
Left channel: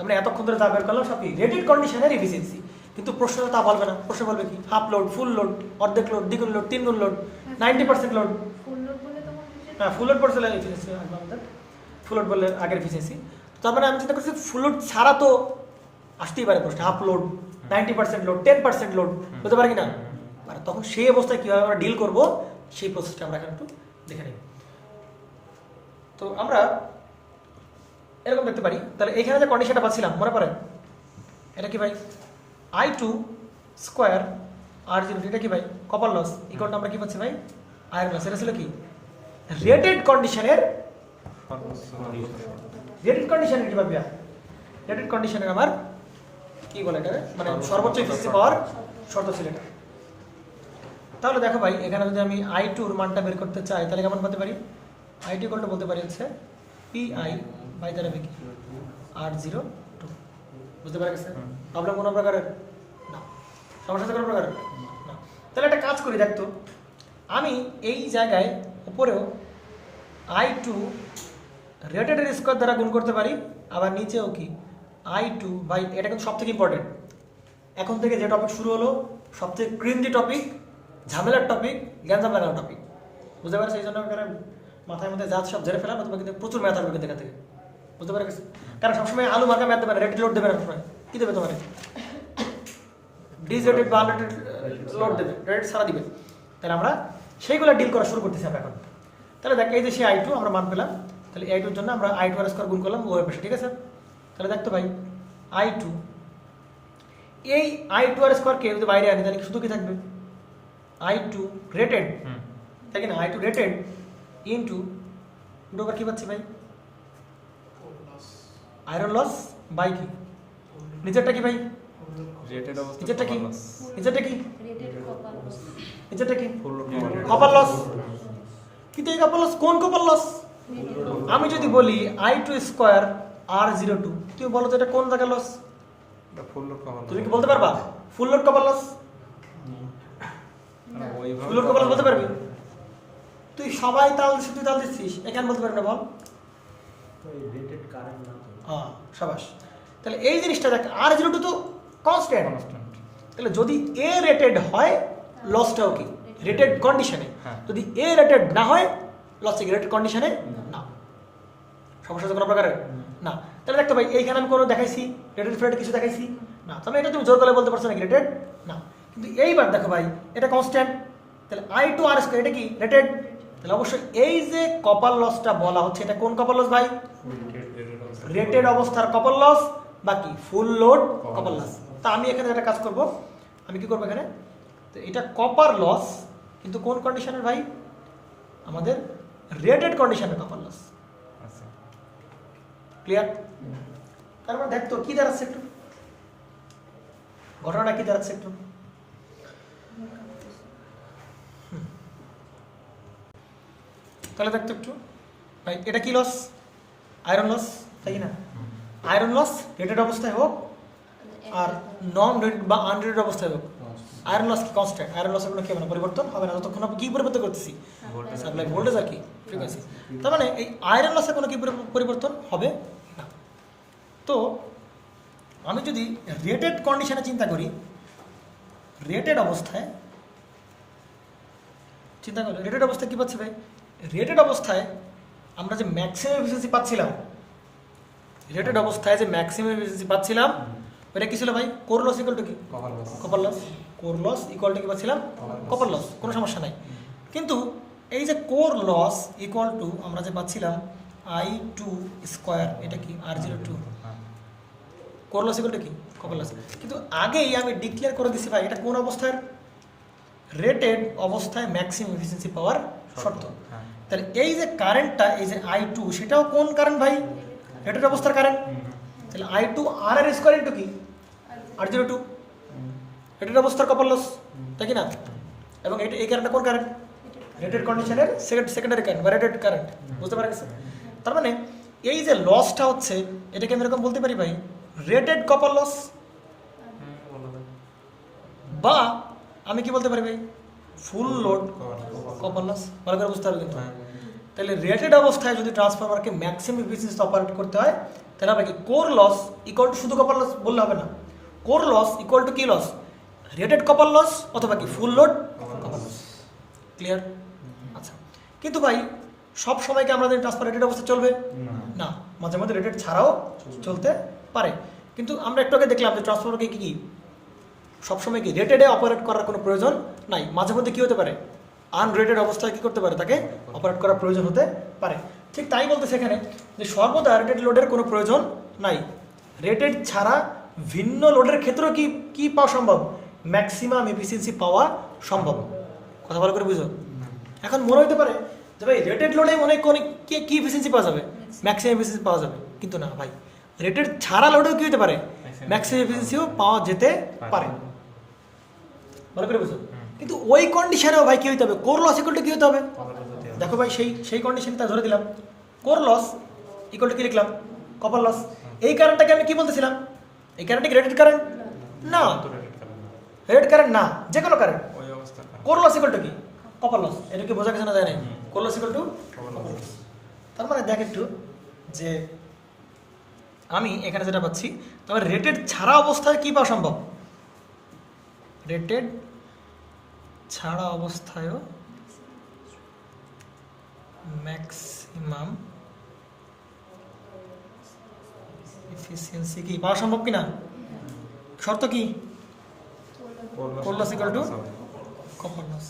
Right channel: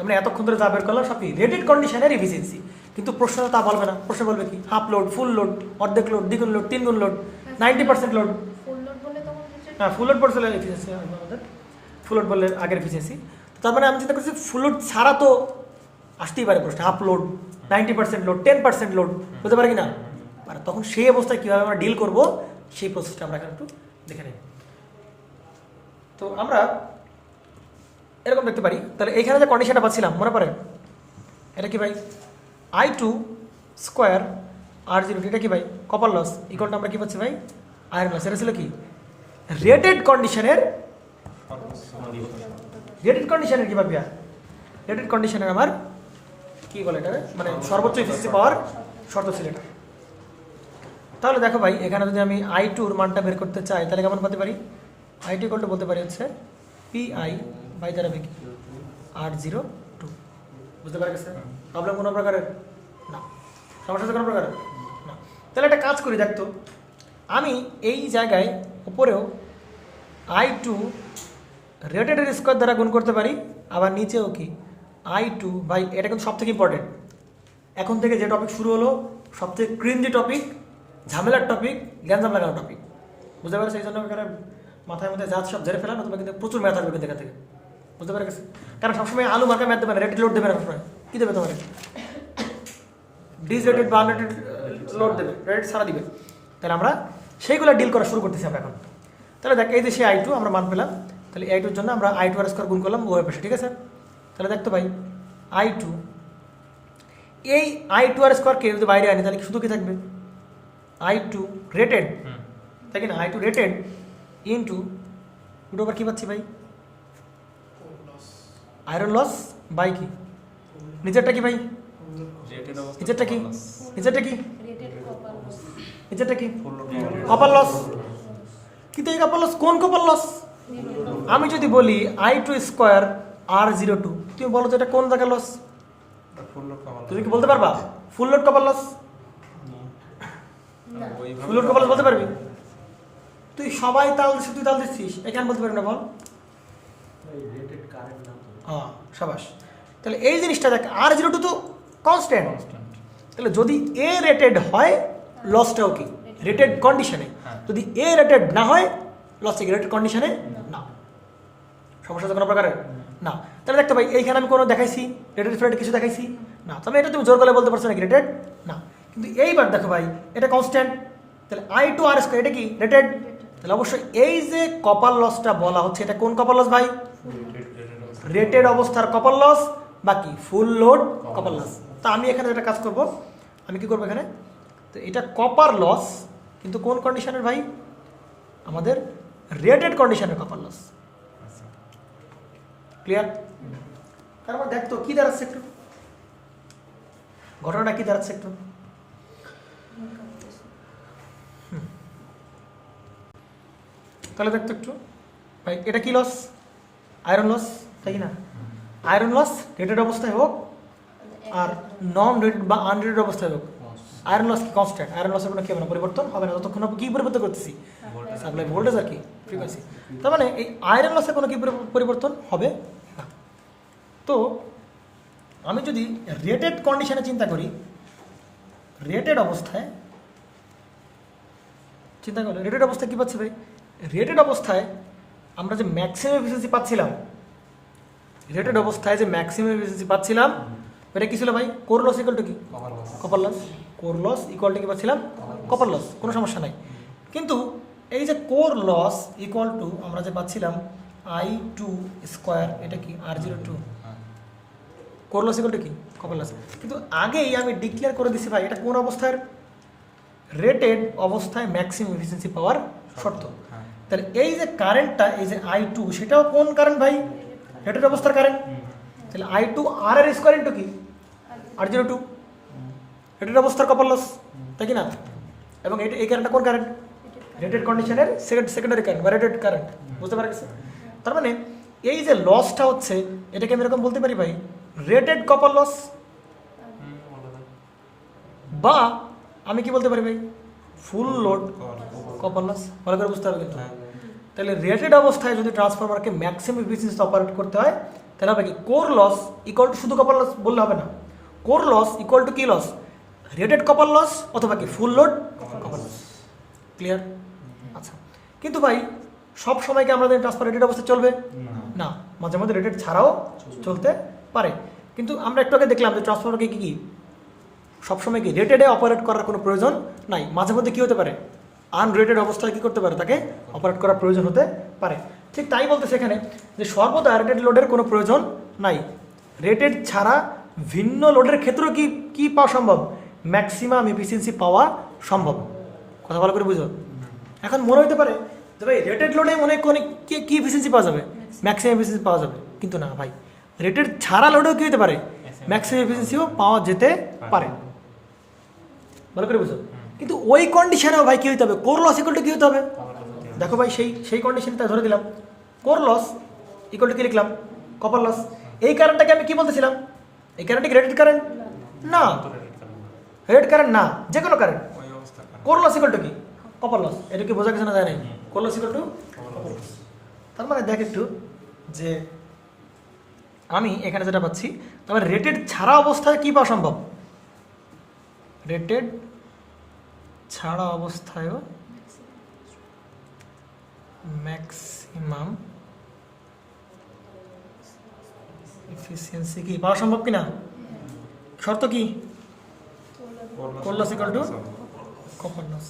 আমরা এতক্ষণ ধরে যা বের করলাম সব কি রেটেড কন্ডিশনের এফিসিয়েন্সি। কিন্তু প্রশ্ন তা বলবে না। প্রশ্ন বলবে কি হাফ লোড, ফুল লোড, অর্ধেক লোড, দ্বিগুণ লোড, তিনগুণ লোড, 90% লোড। হ্যাঁ, ফুল লোড পড়ছিল এফিসিয়েন্সি আমাদের, ফুল লোড বললে আগের এফিসিয়েন্সি। তার মানে আমি চিন্তা করছি ফুল লোড ছাড়া তো আসতেই পারে প্রশ্ন। হাফ লোড, 90% লোড, 10% লোড হতে পারে কি না? তখন সেই অবস্থায় কীভাবে আমরা ডিল করবো সেই প্রসেসটা আমরা এখানে একটু দেখে নেব। তো আমরা এরকম দেখতে পারি। তাহলে এইখানে যে কন্ডিশনটা পাচ্ছিলাম মনে পড়ে, এটা কি ভাই? I2 স্কোয়ার R0, এটা কি ভাই? কপার লস ইকুয়াল আমরা কি পাচ্ছি ভাই? Iron loss. এটা ছিল কি রেটেড কন্ডিশনের কি ভাবি? রেটেড কন্ডিশনের আমার কি বলে এটা, মানে সর্বোচ্চ এফিসিয়েন্সি পাওয়ার শর্ত ছিল এটা। তাহলে দেখো ভাই, এখানে যদি আমি I2 মানটা বের করতে চাই তাহলে কেমন বলতে পারি? I2 বলতে পারি হচ্ছে PI বাই দ্বারা কি R02। বুঝতে পারা গেছে? প্রবলেম কোনো প্রকারের না, সমস্যা কোনো প্রকারের না। তাহলে একটা কাজ করি, দেখতো আমি এই জায়গায় উপরেও I2 রেটেডের স্কোয়ার দ্বারা গুণ করতে পারি, আবার নিচেও কি I2 বাই, এটা কিন্তু সব থেকে ইম্পর্টেন্ট। এখন থেকে যে টপিক শুরু হলো সবচেয়ে ক্রিঞ্জি টপিক, ঝামেলার টপিক, গ্যাঞ্জাম লাগানো টপিক, বুঝতে পারছি? এই জন্য মাথায় মধ্যে যা সব ঝেড়ে ফেলা, কিন্তু প্রচুর ম্যাথ আসবে দেখা থেকে, বুঝতে পারে গেছে? কারণ সবসময় আলু মার্কা ম্যাথ দেবে না, রেটেড লোড দেবে না সবসময়। কী দেবে তোমার? ডিসরেটেড বা আনরেটেড লোড দেবে, রেট সারা দিবে। তাহলে আমরা সেইগুলো ডিল করা শুরু করতেছি আমরা এখন। তাহলে দেখ, এই যে সেই I2 আমরা মান পেলাম, তাহলে I2 এর জন্য আমরা I2 আর স্কোয়ার গুণ করলাম ওই পাশে, ঠিক আছে? তাহলে দেখতো ভাই I2, এই I2 আর স্কোয়ারকে যদি বাইরে আনি তাহলে শুধু কি থাকবে? I2 রেটেড, তাই কি না? I2 রেটেড ইন্টু দুটো আবার কী পাচ্ছি ভাই? আয়রন লস বাই কি? নিচেরটা কি ভাই? রেটেড অবস্থা নিচেরটা কি? নিচেরটা কি? নিচেরটা কি? Full load copper loss. কিন্তু এই কপার লস কোন কপার লস? আমি যদি বলি I2 স্কোয়ার R02, তুমি বলো তো এটা কোন জায়গায় লস? ফুল লোড কভার তুমি কি বলতে পারবা full load copper loss? Full load copper loss বলতে পারবি? তুই সবাই তাল দিচ্ছিস, তুই তাল দিচ্ছিস, এখানে বলতে পারবি না বল? হ্যাঁ, সাবাস। তাহলে এই জিনিসটা দেখ, R02 তো কনস্ট্যান্ট। তাহলে যদি এ রেটেড হয় লসটাও কি রেটেড কন্ডিশনে, যদি এ রেটেড না হয় লস কি রেটেড কন্ডিশনে না। সমস্যা কোনো প্রকারের না। তাহলে দেখতে পাই এইখানে আমি কোনো দেখাইছি রেটেড ফ্রেড কিছু দেখাইছি না, তবে এটা তুমি জোর করে বলতে পারছো না রেটেড না। কিন্তু এইবার দেখো ভাই এটা কনস্ট্যান্ট, তাহলে I2 আর স্কয়ার এটা কি রেটেড। তাহলে অবশ্যই এই যে কপার লসটা বলা হচ্ছে এটা কোন কপার লস ভাই? রেটেড অবস্থার কপার লস বাকি ফুল লোড কপার লস। তা আমি এখানে একটা কাজ করব, আমি কি করবো এখানে, তো এটা কপার লস কিন্তু কোন কন্ডিশনের ভাই? আমাদের রেটেড কন্ডিশনের কপার লস। ক্লিয়ার? তার মানে দেখতো কি দাঁড়াচ্ছে একটু, ঘটনা কি দাঁড়াচ্ছে একটু। তাহলে দেখতো একটু ভাই এটা কি লস? আয়রন লস, তাই না? আয়রন লস রেটেড অবস্থায় হোক আর নন রেটেড বা আনরেটেড অবস্থায় হোক, আয়রন লস কি কনস্ট্যান্ট। আয়রন লসের কোনো কি হবে না, পরিবর্তন হবে না যতক্ষণ আপনি কি পরিবর্তন করতেছি সাপ্লাই ভোল্টেজ আর কি ফ্রিকোয়েন্সি। তার মানে এই আয়রন লসের কোনো কি পরিবর্তন হবে না। তো আমি যদি রেটেড কন্ডিশনে চিন্তা করি, রেটেড অবস্থায় চিন্তা করলে রেটেড অবস্থায় কী পাচ্ছি ভাই? রেটেড অবস্থায় আমরা যে ম্যাক্সিমাম এফিসিয়েন্সি পাচ্ছিলাম, রেটেড অবস্থায় যে ম্যাক্সিমাম এফিসিয়েন্সি পাচ্ছিলাম এটা কি ছিল ভাই? কোর লস ইকুয়াল টু কি? Copper loss. Core loss equal to কি পাচ্ছিলাম? কপার লস, কোনো সমস্যা নাই। কিন্তু এই যে কোর লস ইকুয়াল টু আমরা যে পাচ্ছিলাম I2 স্কোয়ার, এটা কি R02, core loss equal to কি? Copper loss. কিন্তু আগেই আমি ডিক্লেয়ার করে দিচ্ছি ভাই এটা কোন অবস্থায়? রেটেড অবস্থায় ম্যাক্সিমাম এফিসিয়েন্সি পাওয়ার শর্ত। তাহলে এই যে কারেন্টটা, এই যে I2 সেটাও কোন কারেন্ট ভাই? রেটেড অবস্থার কারেন্ট। তাহলে I2 R এর স্কোয়ার ইন্টু কি? R02, রেটেড অবস্থার কপার লস, তাই কি না? এবং এই কারেন্টটা কোন কারেন্ট? রেটেড কন্ডিশনের সেকেন্ডারি কারেন্ট বা রেটেড কারেন্ট, বুঝতে পারা গেছে? তার মানে এই যে লসটা হচ্ছে এটাকে আমি এরকম বলতে পারি ভাই রেটেড কপার লস, বা আমি কি বলতে পারি ভাই ফুল লোড কপার লস। ভালো করে বুঝতে হবে কিন্তু। তাহলে রেটেড অবস্থায় যদি ট্রান্সফরমারকে ম্যাক্সিমাম এফিসিয়েন্সি অপারেট করতে হয় তাহলে হবে কি কোর লস ইকুয়াল টু শুধু কপার লস বললে হবে না, কোর লস ইকুয়াল টু কি লস? রেটেড কপার লস অথবা কি full load copper loss. Clear? আচ্ছা, কিন্তু ভাই সব সময় কি আমাদের ট্রান্সফার রেটেড অবস্থা চলবে না, মাঝে মাঝে রেটেড ছাড়াও চলতে পারে। কিন্তু আমরা একটু আগে দেখলাম যে ট্রান্সফরমারকে কি সবসময় কি রেটেডে অপারেট করার কোনো প্রয়োজন নাই, মাঝে মধ্যে কী হতে পারে আনরেটেড অবস্থায় কী করতে পারে তাকে অপারেট করার প্রয়োজন হতে পারে। ঠিক তাই বলতে সেখানে যে সর্বদা রেটেড লোডের কোনো প্রয়োজন নাই, রেটেড ছাড়া ভিন্ন লোডের ক্ষেত্রেও কি কি পাওয়া সম্ভব? ম্যাক্সিমাম এফিসিয়েন্সি পাওয়া সম্ভব। কথা ভালো করে বুঝো। এখন মনে হতে পারে যে ভাই রেটেড লোডে অনেক অনেক কি এফিসিয়েন্সি পাওয়া যাবে? ম্যাক্সিমাম এফিসিয়েন্সি পাওয়া যাবে, কিন্তু না ভাই রেটেড ছাড়া লোডেও কী হতে পারে? ম্যাক্সিমাম এফিসিয়েন্সিও পাওয়া যেতে পারে। ভালো করে বুঝো। কিন্তু ওই কন্ডিশনেও ভাই কী হতে হবে? কোর লস ইকুয়াল টু কী হতে হবে? দেখো ভাই সেই কন্ডিশনটা ধরে দিলাম, কোর লস ইকুয়াল টু কী লিখলাম? Copper loss. এই কারেন্টটাকে আমি কি বলতেছিলাম? এই কারেন্টটা কি রেটেড কারেন্ট না, রেটেড কারেন্ট না, যে কোনো current. Core loss equal to কি? Copper loss. এটা কি বোঝা গেছে না? যায় নাই? Core loss equal to copper loss. তার মানে দেখ একটু যে আমি এখানে যেটা পাচ্ছি, তবে রেটেড ছাড়া অবস্থায় কি পাওয়া সম্ভব? রেটেড ছাড়া অবস্থায়ও ম্যাক্সিমাম এফিসিয়েন্সি কি পাওয়া সম্ভব কিনা? শর্ত কি? Core loss equal to copper loss.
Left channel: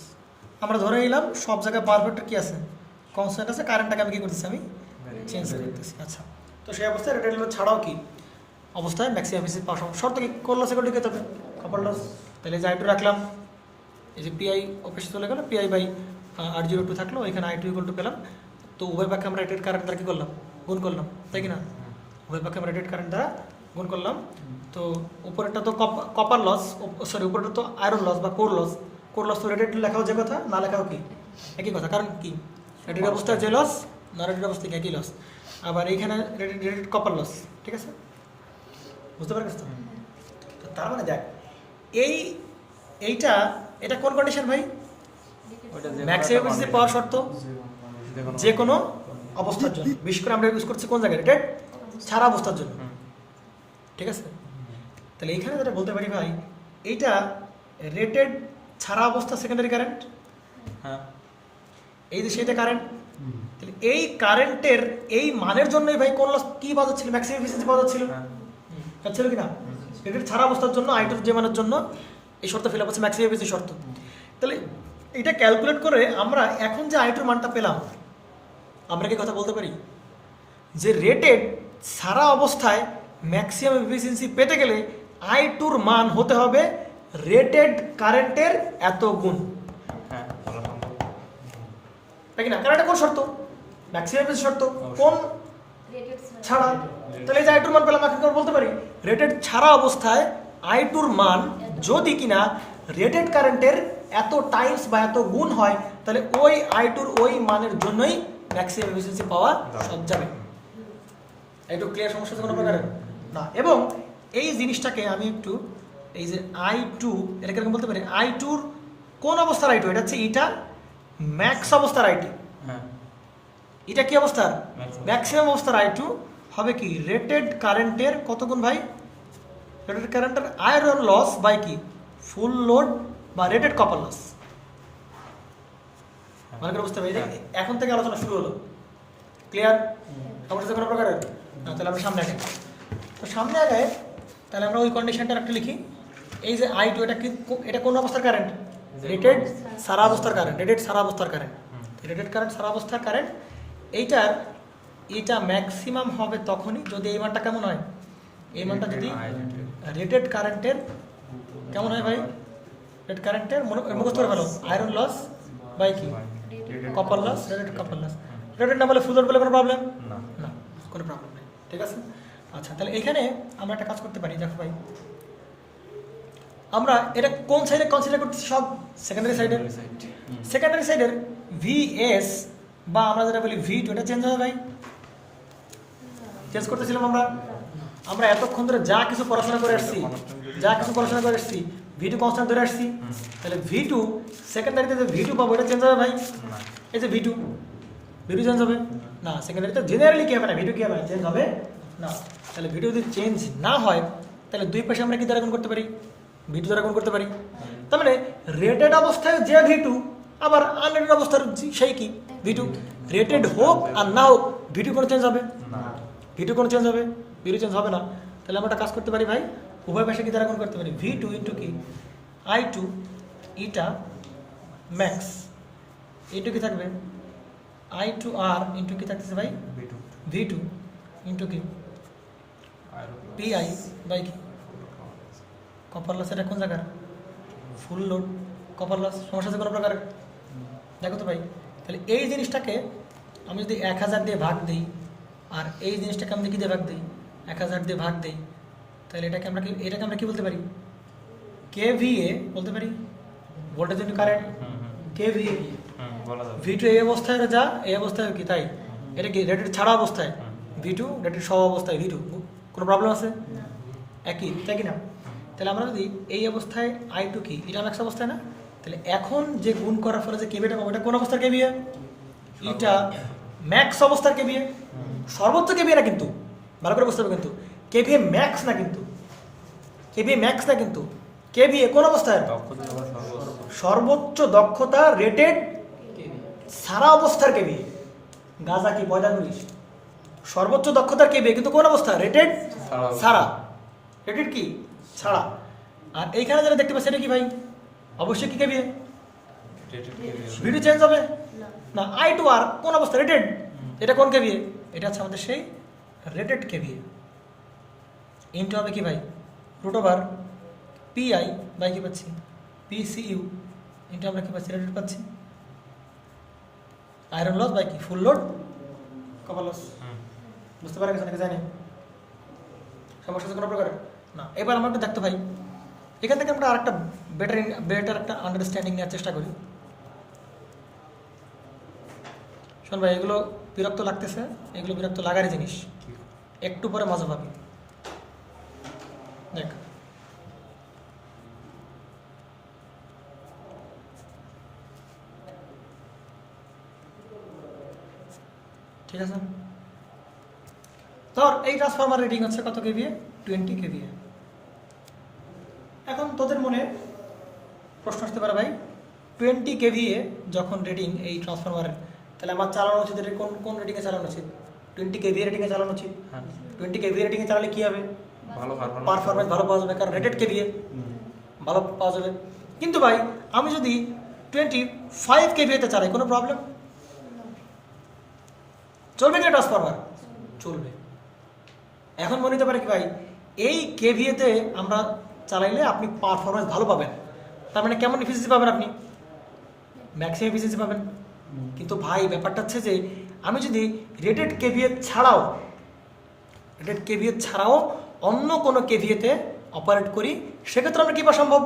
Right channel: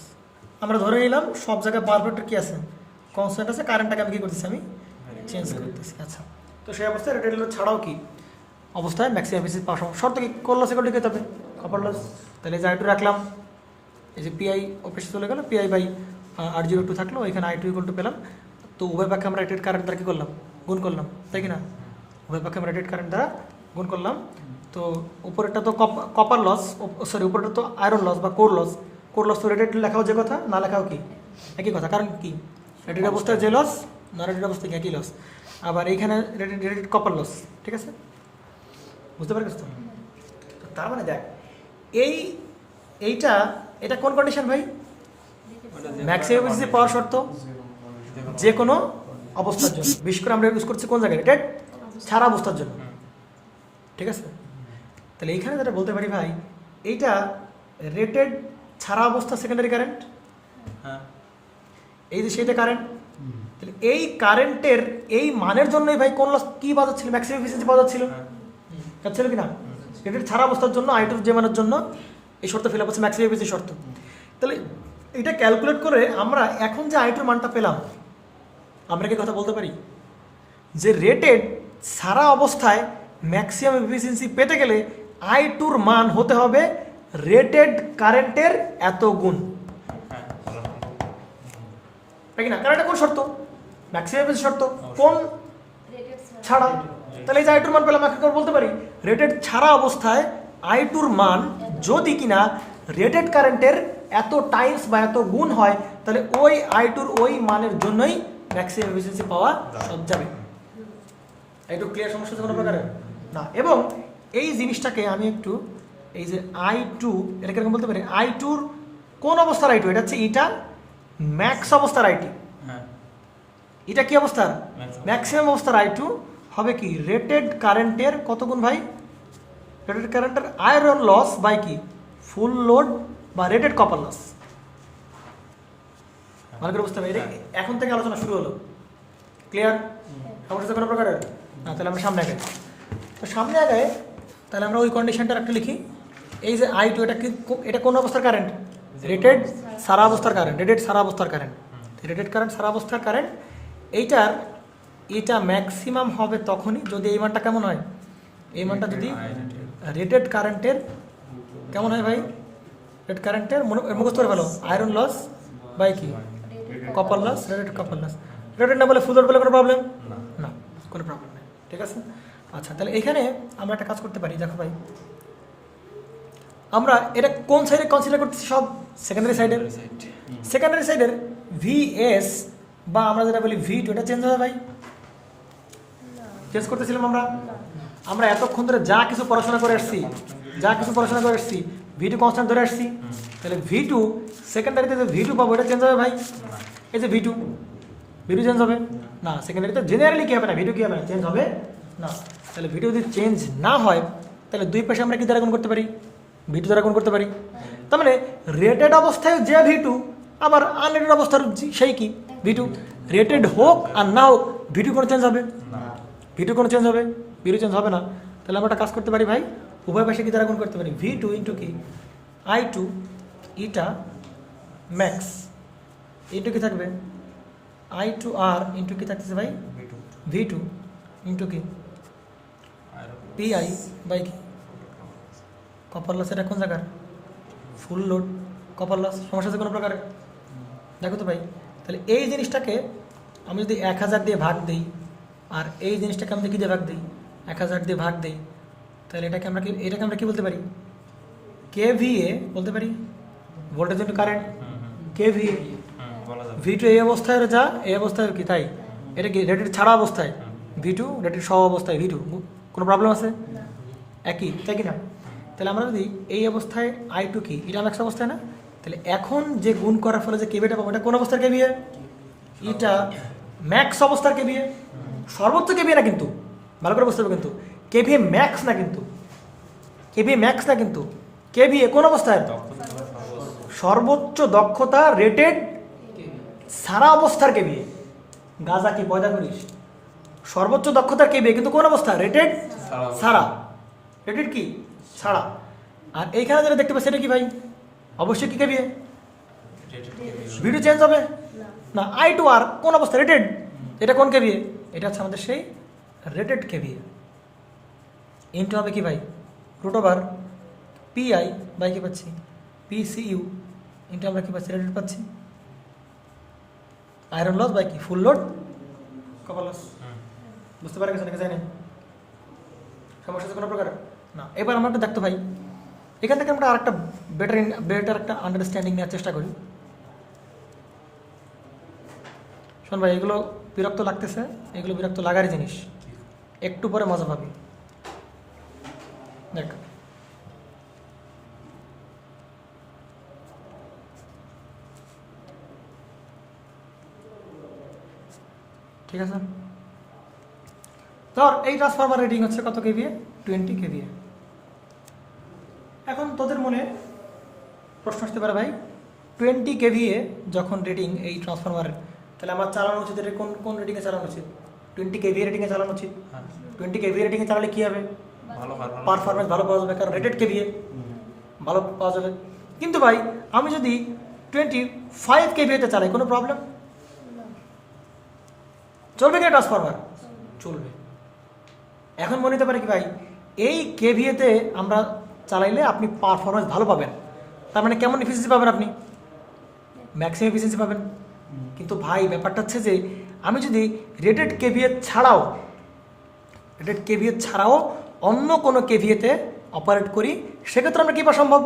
আমরা ধরে নিলাম সব জায়গায় পারফেক্ট কি আছে, কনস্ট্যান্ট আছে, কারেন্টটাকে আমি কি করতেছি, আমি চেঞ্জ করতেছি। আচ্ছা, তো সেই অবস্থায় রেটেড লোড ছাড়াও কি অবস্থায় ম্যাক্সিমাম এফিসিয়েন্সি পাওয়া সম্ভব। শর্ত কি? কোর লস ইকুয়াল টু কি হতে হবে? Copper loss. তাহলে যে আই টু রাখলাম, এই যে পিআই অফিসে চলে গেল, পিআই বাই R02 থাকলো, এখানে I2 ইকুয়াল টু পেলাম। তো উভয় পক্ষে আমরা রেটেড কারেন্ট দ্বারা কী করলাম, গুণ করলাম, তাই কি না? উভয় পক্ষে আমরা রেটেড কারেন্ট দ্বারা গুণ করলাম। তো উপরেরটা তো কপার লস, সরি উপরেরটা তো আয়রন লস বা কোর লস। কোর লস তো রেটেড লেখাও যে কথা, না লেখাও কি একই কথা। কারণ কি, রেটেড অবস্থায় যে লস, না রেটেড অবস্থায় একই লস। আবার এইখানে রেটেড কপার লস, ঠিক আছে? বুঝতে পারছিস তো? তার মানে দেখ, এটা কোন কন্ডিশন ভাই? ম্যাক্সিমাম এফিসিয়েন্সি পাওয়ার শর্ত যে কোনো অবস্থার জন্য। বিশেষ করে আমরা ইউজ করছি কোন জায়গায়, রেটেড ছাড়া অবস্থার জন্য, ঠিক আছে? তাহলে এইখানে যেটা বলতে পারি ভাই, এইটা রেটেড ছাড়া অবস্থা সেকেন্ডারি কারেন্ট, এই যে সেইটা কারেন্ট। তাহলে এই কারেন্টের এই মানের জন্যই ভাই কোন লস কি বাজাচ্ছিল, ম্যাক্সিমাম এফিসিয়েন্সি বাজাচ্ছিল ছিল কিনা? রেটেড ছাড়া অবস্থার জন্য I2 যে মানের জন্য এই শর্ত ফিল আপ হচ্ছে ম্যাক্সিমাম এফিসিয়েন্সি শর্ত। তাহলে এটা ক্যালকুলেট করে আমরা এখন যে I2 মানটা পেলাম, আমরা কি কথা বলতে পারি যে রেটেড সারা অবস্থায় ম্যাক্সিমাম এফিসিয়েন্সি পেতে গেলে I2 মান হতে হবে রেটেড কারেন্টের এত গুণ, তাই কি না? কারণ এটা কোন শর্ত? ম্যাক্সিমাম এফিসিয়েন্সি শর্ত। কোন ছাড়া? তাহলে এই যে I2 মান পেলাম, এখন বলতে পারি রেটেড ছাড়া অবস্থায় I2 মান যদি কিনা রেটেড কারেন্টের এত টাইমস বা এত গুণ হয়, তাহলে ওই I2 ওই মানের জন্যই ম্যাক্সিমাম এফিসিয়েন্সি পাওয়া সব যাবে। একটু ক্লিয়ার? সমস্যা কোনো প্রকারের না। এবং এই জিনিসটাকে আমি একটু, এই যে I2 এটাকে এরকম বলতে পারি, I2 কোন অবস্থার I2? এটা হচ্ছে এটা ম্যাক্স অবস্থার I2। এটা কি অবস্থার? ম্যাক্সিমাম অবস্থার I2 হবে কি রেটেড কারেন্টের কত গুণ ভাই? রেটেড কারেন্টের আয়রন লস বাই কি ফুল লোড বা রেটেড কপার লস। ভালো করে বুঝতে পারি, এখন থেকে আলোচনা শুরু হলো। ক্লিয়ার? সমস্যা কোনো প্রকারের না? তাহলে আমরা সামনে আগাই। তো সামনে আগায় তাহলে আমরা ওই কন্ডিশনটা একটা লিখি। এই যে I2 এটা কোন অবস্থার কারেন্ট? রেটেড সারা অবস্থার কারেন্ট। রেটেড সারা অবস্থার কারেন্ট, রেটেড কারেন্ট সারা অবস্থার কারেন্ট। এটা ম্যাক্সিমাম হবে তখনই যদি এই মানটা কেমন হয়, এই মানটা যদি রেটেড কারেন্টের কেমন হয় ভাই? রেটেড কারেন্টের মুখস্থ করে ফেলো, আয়রন লস বাই কি copper loss, rated copper loss. Rated না বলে ফুল লোড বলে কোনো প্রবলেম না, কোনো প্রবলেম নেই, ঠিক আছে? আচ্ছা, তাহলে এখানে আমরা একটা কাজ করতে পারি। দেখো ভাই, আমরা এটা কোন সাইডে কনসিডার করতেছি? সব সেকেন্ডারি সাইডের। সেকেন্ডারি সাইডের VS বা আমরা যেটা বলি V2, এটা চেঞ্জ হবে ভাই? চেঞ্জ করতেছিলাম আমরা এতক্ষণ ধরে যা কিছু পড়াশোনা করে আসছি, V2 কনস্ট্যান্ট ধরে আসছি। তাহলে V2 সেকেন্ডারিতে যে V2 পাবো, এটা চেঞ্জ হবে ভাই? এই যে V2 চেঞ্জ হবে না। সেকেন্ডারিতে জেনারেলি কি হবে না, V2 কি হবে না, চেঞ্জ হবে না। তাহলে V2 যদি চেঞ্জ না হয়, তাহলে দুই পাশে আমরা কি দ্বারা গুণ করতে পারি? V2 দ্বারা গুণ করতে পারি। তার মানে রেটেড অবস্থায় যে V2, আবার আনরেটেড অবস্থার সেই কি V2। রেটেড হোক আর না হোক, V2 কোনো চেঞ্জ হবে? V2 কোনো চেঞ্জ হবে? V2 চেঞ্জ হবে না। তাহলে আমরা একটা কাজ করতে পারি ভাই, উভয় পাশে কি দ্বারা গুণ করতে পারি? V2 ইন্টু কি I2 ইটা ম্যাক্স ইন্টু কি থাকবে I2R ইন্টু কি থাকতেছে ভাই? V2 ইন্টু কি PI বাই কি কপার লস। এটা কোন জায়গার? Full load copper loss. সমস্যা আছে কোনো প্রকারের? দেখো তো ভাই, তাহলে এই জিনিসটাকে আমি যদি 1000 দিয়ে ভাগ দিই, আর এই জিনিসটাকে আমি কি দিয়ে ভাগ দিই? 1000 দিয়ে ভাগ দিই, তাহলে এটাকে আমরা কি বলতে পারি? KVA বলতে পারি, voltage into current. KVA V2 এই অবস্থায় যা, এই অবস্থায় কি তাই? এটা কি রেটেড ছাড়া অবস্থায়? V2 রেটেড সহ অবস্থায় V2, কোনো প্রবলেম আছে? একই, তাই কি না? তাহলে আমরা যদি এই অবস্থায় I2 কি এটা ম্যাক্স অবস্থায় না, তাহলে এখন যে গুণ করার ফলে যে কেভিটা পাবো, এটা কোন অবস্থার KVA? এটা ম্যাক্স অবস্থার KVA। সর্বোচ্চ কেভিএ না কিন্তু, ভালো করে বুঝতে হবে কিন্তু, কেভিএ ম্যাক্স না কিন্তু, কেভিএ ম্যাক্স না কিন্তু, কেভিএ কোন অবস্থায় সর্বোচ্চ দক্ষতা রেটেড সারা অবস্থার কেভিএ। গাজা কি 45 সর্বোচ্চ দক্ষতার কেভিএ, কিন্তু কোন অবস্থা রেটেড সারা, রেটেড কি ছাড়া। আর এইখানে যারা দেখতে পাচ্ছি এটা কি ভাই, অবশ্যই কি কেভিএ, ভিডিও চেঞ্জ হবে না। আই টু আর কোন অবস্থা রেটেড, এটা কোন কেভিএ, এটা হচ্ছে আমাদের সেই রেটেড কেভিএ। ইন্টু হবে কি ভাই রুট ওভার পিআই বাই কি পাচ্ছি পিসিইউ ইন্টু আমরা কি পাচ্ছি রেটেড পাচ্ছি আয়রন লস বাই কি ফুল লোড কপার লস। বুঝতে পারা গেছে নাকি জানি সমস্যা হচ্ছে কোনো প্রকার না। এবার আমরা একটু দেখতে ভাই এখান থেকে আমরা আরেকটা বেটার একটা আন্ডারস্ট্যান্ডিং নেওয়ার চেষ্টা করি। শোন ভাই, এগুলো বিরক্ত লাগতেছে, এগুলো বিরক্ত লাগারই জিনিস, একটু পরে মজা পাবি। দেখ ঠিক আছে, ধর এই ট্রান্সফরমার রেটিং হচ্ছে কত কেভিএ, 20 কেভিএ। এখন তোদের মনে প্রশ্ন আসতে পারে ভাই 20 কেভিএ যখন রেটিং এই ট্রান্সফরমারের, তাহলে আমার চালানো উচিত এটা কোন কোন রেটিংয়ে চালানো উচিত, 20 কেভিএ রেটিংয়ে চালানো উচিত। 20 কেভিএ রেটিংয়ে চালালে কী হবে, পারফরমেন্স ভালো পাওয়া যাবে, কারণ রেটেড কেভিএ ভালো পাওয়া যাবে। কিন্তু ভাই আমি যদি 25 কেভিএতে চালাই কোনো প্রবলেম চলবে কি ট্রান্সফরমার, চলবে। এখন মনে হতে পারে কি ভাই এই কেভিএতে আমরা চালাইলে আপনি পারফরমেন্স ভালো পাবেন, তার মানে কেমন এফিসিয়েন্সি পাবেন, আপনি ম্যাক্সিমাম এফিসিয়েন্সি পাবেন। কিন্তু ভাই ব্যাপারটা হচ্ছে যে আমি যদি রেটেড কেভিএ ছাড়াও অন্য কোনো কেভিএতে অপারেট করি, সেক্ষেত্রে আমরা কী পাওয়া সম্ভব,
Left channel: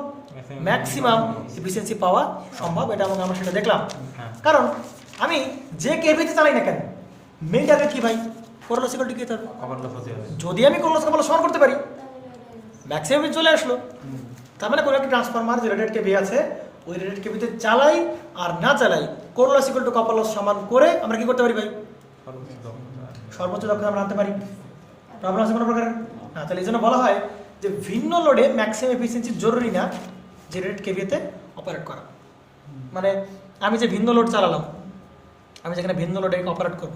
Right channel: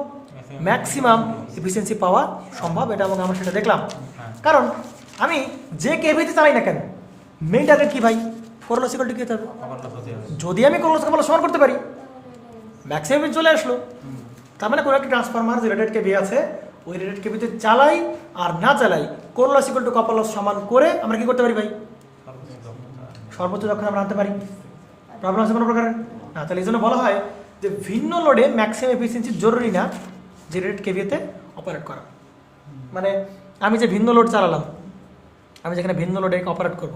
ম্যাক্সিমাম এফিসিয়েন্সি পাওয়া সম্ভব। এটা এবং আমরা সেটা দেখলাম, কারণ আমি যে কেভিএতে চালাই না কেন মেইন টার্গেট কি ভাই, কোরলস ইকুয়াল টু কি হতে হবে, যদি আমি কোরলস কপার সমান করতে পারি ম্যাক্সিমাম চলে আসলো। তার মানে কোনো একটা ট্রান্সফরমার যে রেটেড কেভি আছে ওই রেটেড কেভিতে চালাই আর না চালাই কোরলস ইকুয়াল টু কপার লস সমান করে আমরা কি করতে পারি ভাই, সর্বোচ্চ যখন আমরা আনতে পারি। প্রবলেম আছে কোনো প্রকারের না, তাহলে এই জন্য বলা হয় যে ভিন্ন লোডে ম্যাক্সিমাম এফিসিয়েন্সি জরুরি না যে রেটেড কেভিতে অপারেট করা। মানে আমি যে ভিন্ন লোড চালালাম, আমি যেখানে ভিন্ন লোডে অপারেট করব,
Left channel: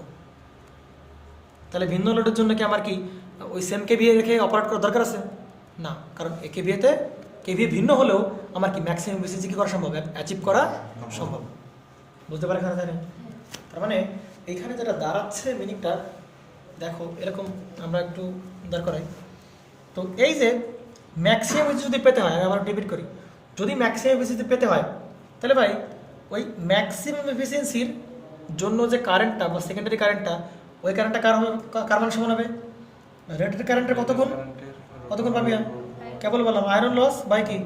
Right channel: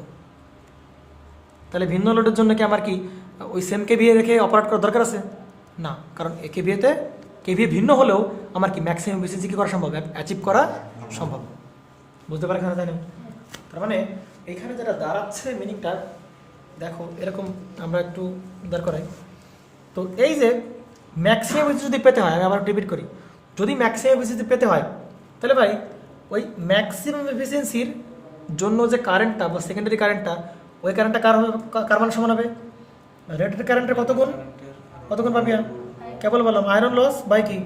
তাহলে ভিন্ন লোডের জন্য কি আমার কি ওই সেম কেভিএ রেখে অপারেট করার দরকার আছে না, কারণ এই কেভিএ ভিন্ন হলেও আমার কি ম্যাক্সিমাম এফিসিয়েন্সি কি করা সম্ভব, অ্যাচিভ করা সম্ভব। বুঝতে পারা এখানে তাই না? তার মানে এইখানে যেটা দাঁড়াচ্ছে মিনিংটা দেখো এরকম, আমরা একটু দাঁড় করাই। তো এই যে ম্যাক্সিমাম এফিসিয়েন্সি যদি পেতে হয়, আমি আবার রিপিট করি, যদি ম্যাক্সিমাম এফিসিয়েন্সি পেতে হয় তাহলে ভাই ওই ম্যাক্সিমাম এফিসিয়েন্সির জন্য যে কারেন্টটা বা সেকেন্ডারি কারেন্টটা, ওই কারেন্টটা কার মান সমান হবে, রেটেড কারেন্টের কত গুণ পাবি, কেবল বললাম আয়রন লস বাই কি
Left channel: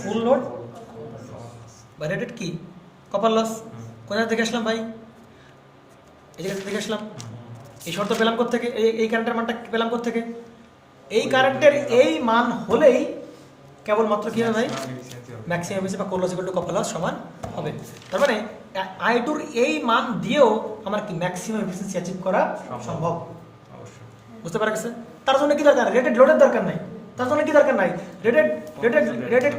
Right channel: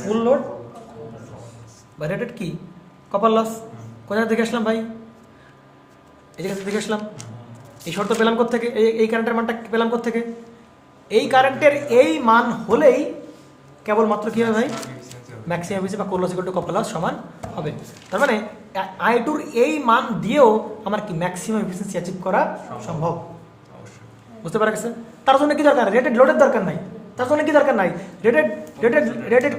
ফুল লোড বা রেটেড কি কপার লস। কোথায় দেখে আসলাম ভাই, এই জায়গাতে দেখে আসলাম। এই শর্ত পেলাম কোত্থেকে, এই কারেন্টের মানটা পেলাম কোত্থেকে, এই কারেন্টের এই মান হলেই কেবলমাত্র কী হবে ভাই, ম্যাক্সিমাম এফিসিয়েন্সি বা কোরলস ইকুয়াল টু কপার লস সমান হবে। তার মানে আই টুর এই মান দিয়েও আমার কি ম্যাক্সিমাম এফিসিয়েন্সি অ্যাচিভ করা সম্ভব। বুঝতে পারা গেছে? তার জন্য কি দরকার, রেটেড লোডের দরকার নাই, তার জন্য কি দরকার নাই, রেটেড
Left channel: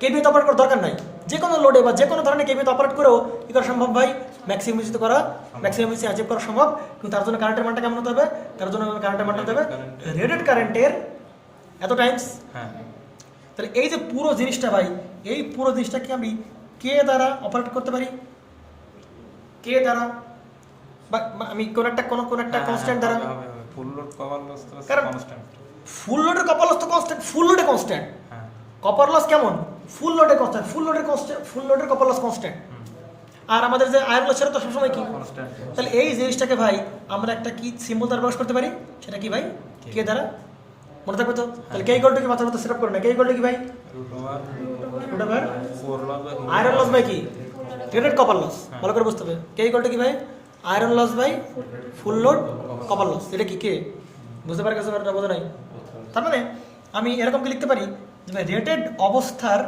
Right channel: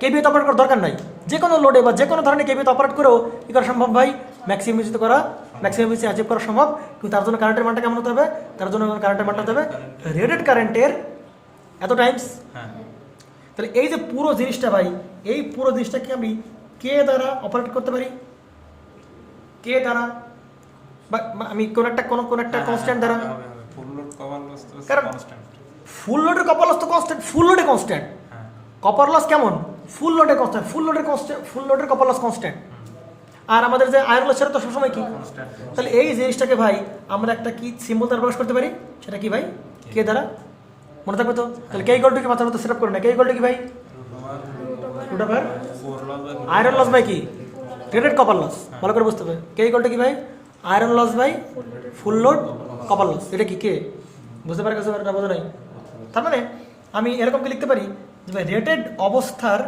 কেভিতে অপারেট করার দরকার নাই। যে কোনো লোডে বা যে কোনো ধরনের কেভিতে অপারেট করেও কি করা সম্ভব ভাই, ম্যাক্সিমাম এফিসিয়েন্সি অ্যাচিভ করা সম্ভব। কিন্তু তার জন্য কারেন্টের মানটা কেমন হতে হবে, তার জন্য কারেন্টের মানটা হতে হবে রেটেড কারেন্টের এত টাইমস। তাহলে এই যে পুরো জিনিসটা ভাই, এই পুরো জিনিসটা কি আমি কে দ্বারা অপারেট করতে পারি, কে দ্বারা বা আমি কোন একটা কনস্ট্যান্ট দ্বারা, কারণ ফুল লোডের কপার লস তো কনস্ট্যান্ট, ফুল লোডে কনস্ট্যান্ট, কপার লস কেমন ফুল লোডে কনস্ট্যান্ট, ফুল লোডের কপার লস কনস্ট্যান্ট। আর আমাদের যে আয়রন লস সেটা তো সবসময় কি, তাহলে এই জিনিসটাকে ভাই আমরা একটা কি সিম্বল দ্বারা প্রকাশ করতে পারি, সেটা কি ভাই কে দ্বারা, মনে থাকবে তো। তাহলে কে ইকুয়াল টু কি মাথার মধ্যে সেট আপ করি না, কে ইকুয়াল টু কি ভাই আয়রন লস বাই কি রেটেড কপার লস, ভালো করে বুঝতে হবে। কে ইকুয়াল টু কি ভাই iron loss by full load copper loss, এটা কি কে, বুঝতে পারবে ব্যাপারটা, বোঝা নাই। তার মানে আমি এরকম কি লিখতে পারি যে ভাই রেটেড অবস্থার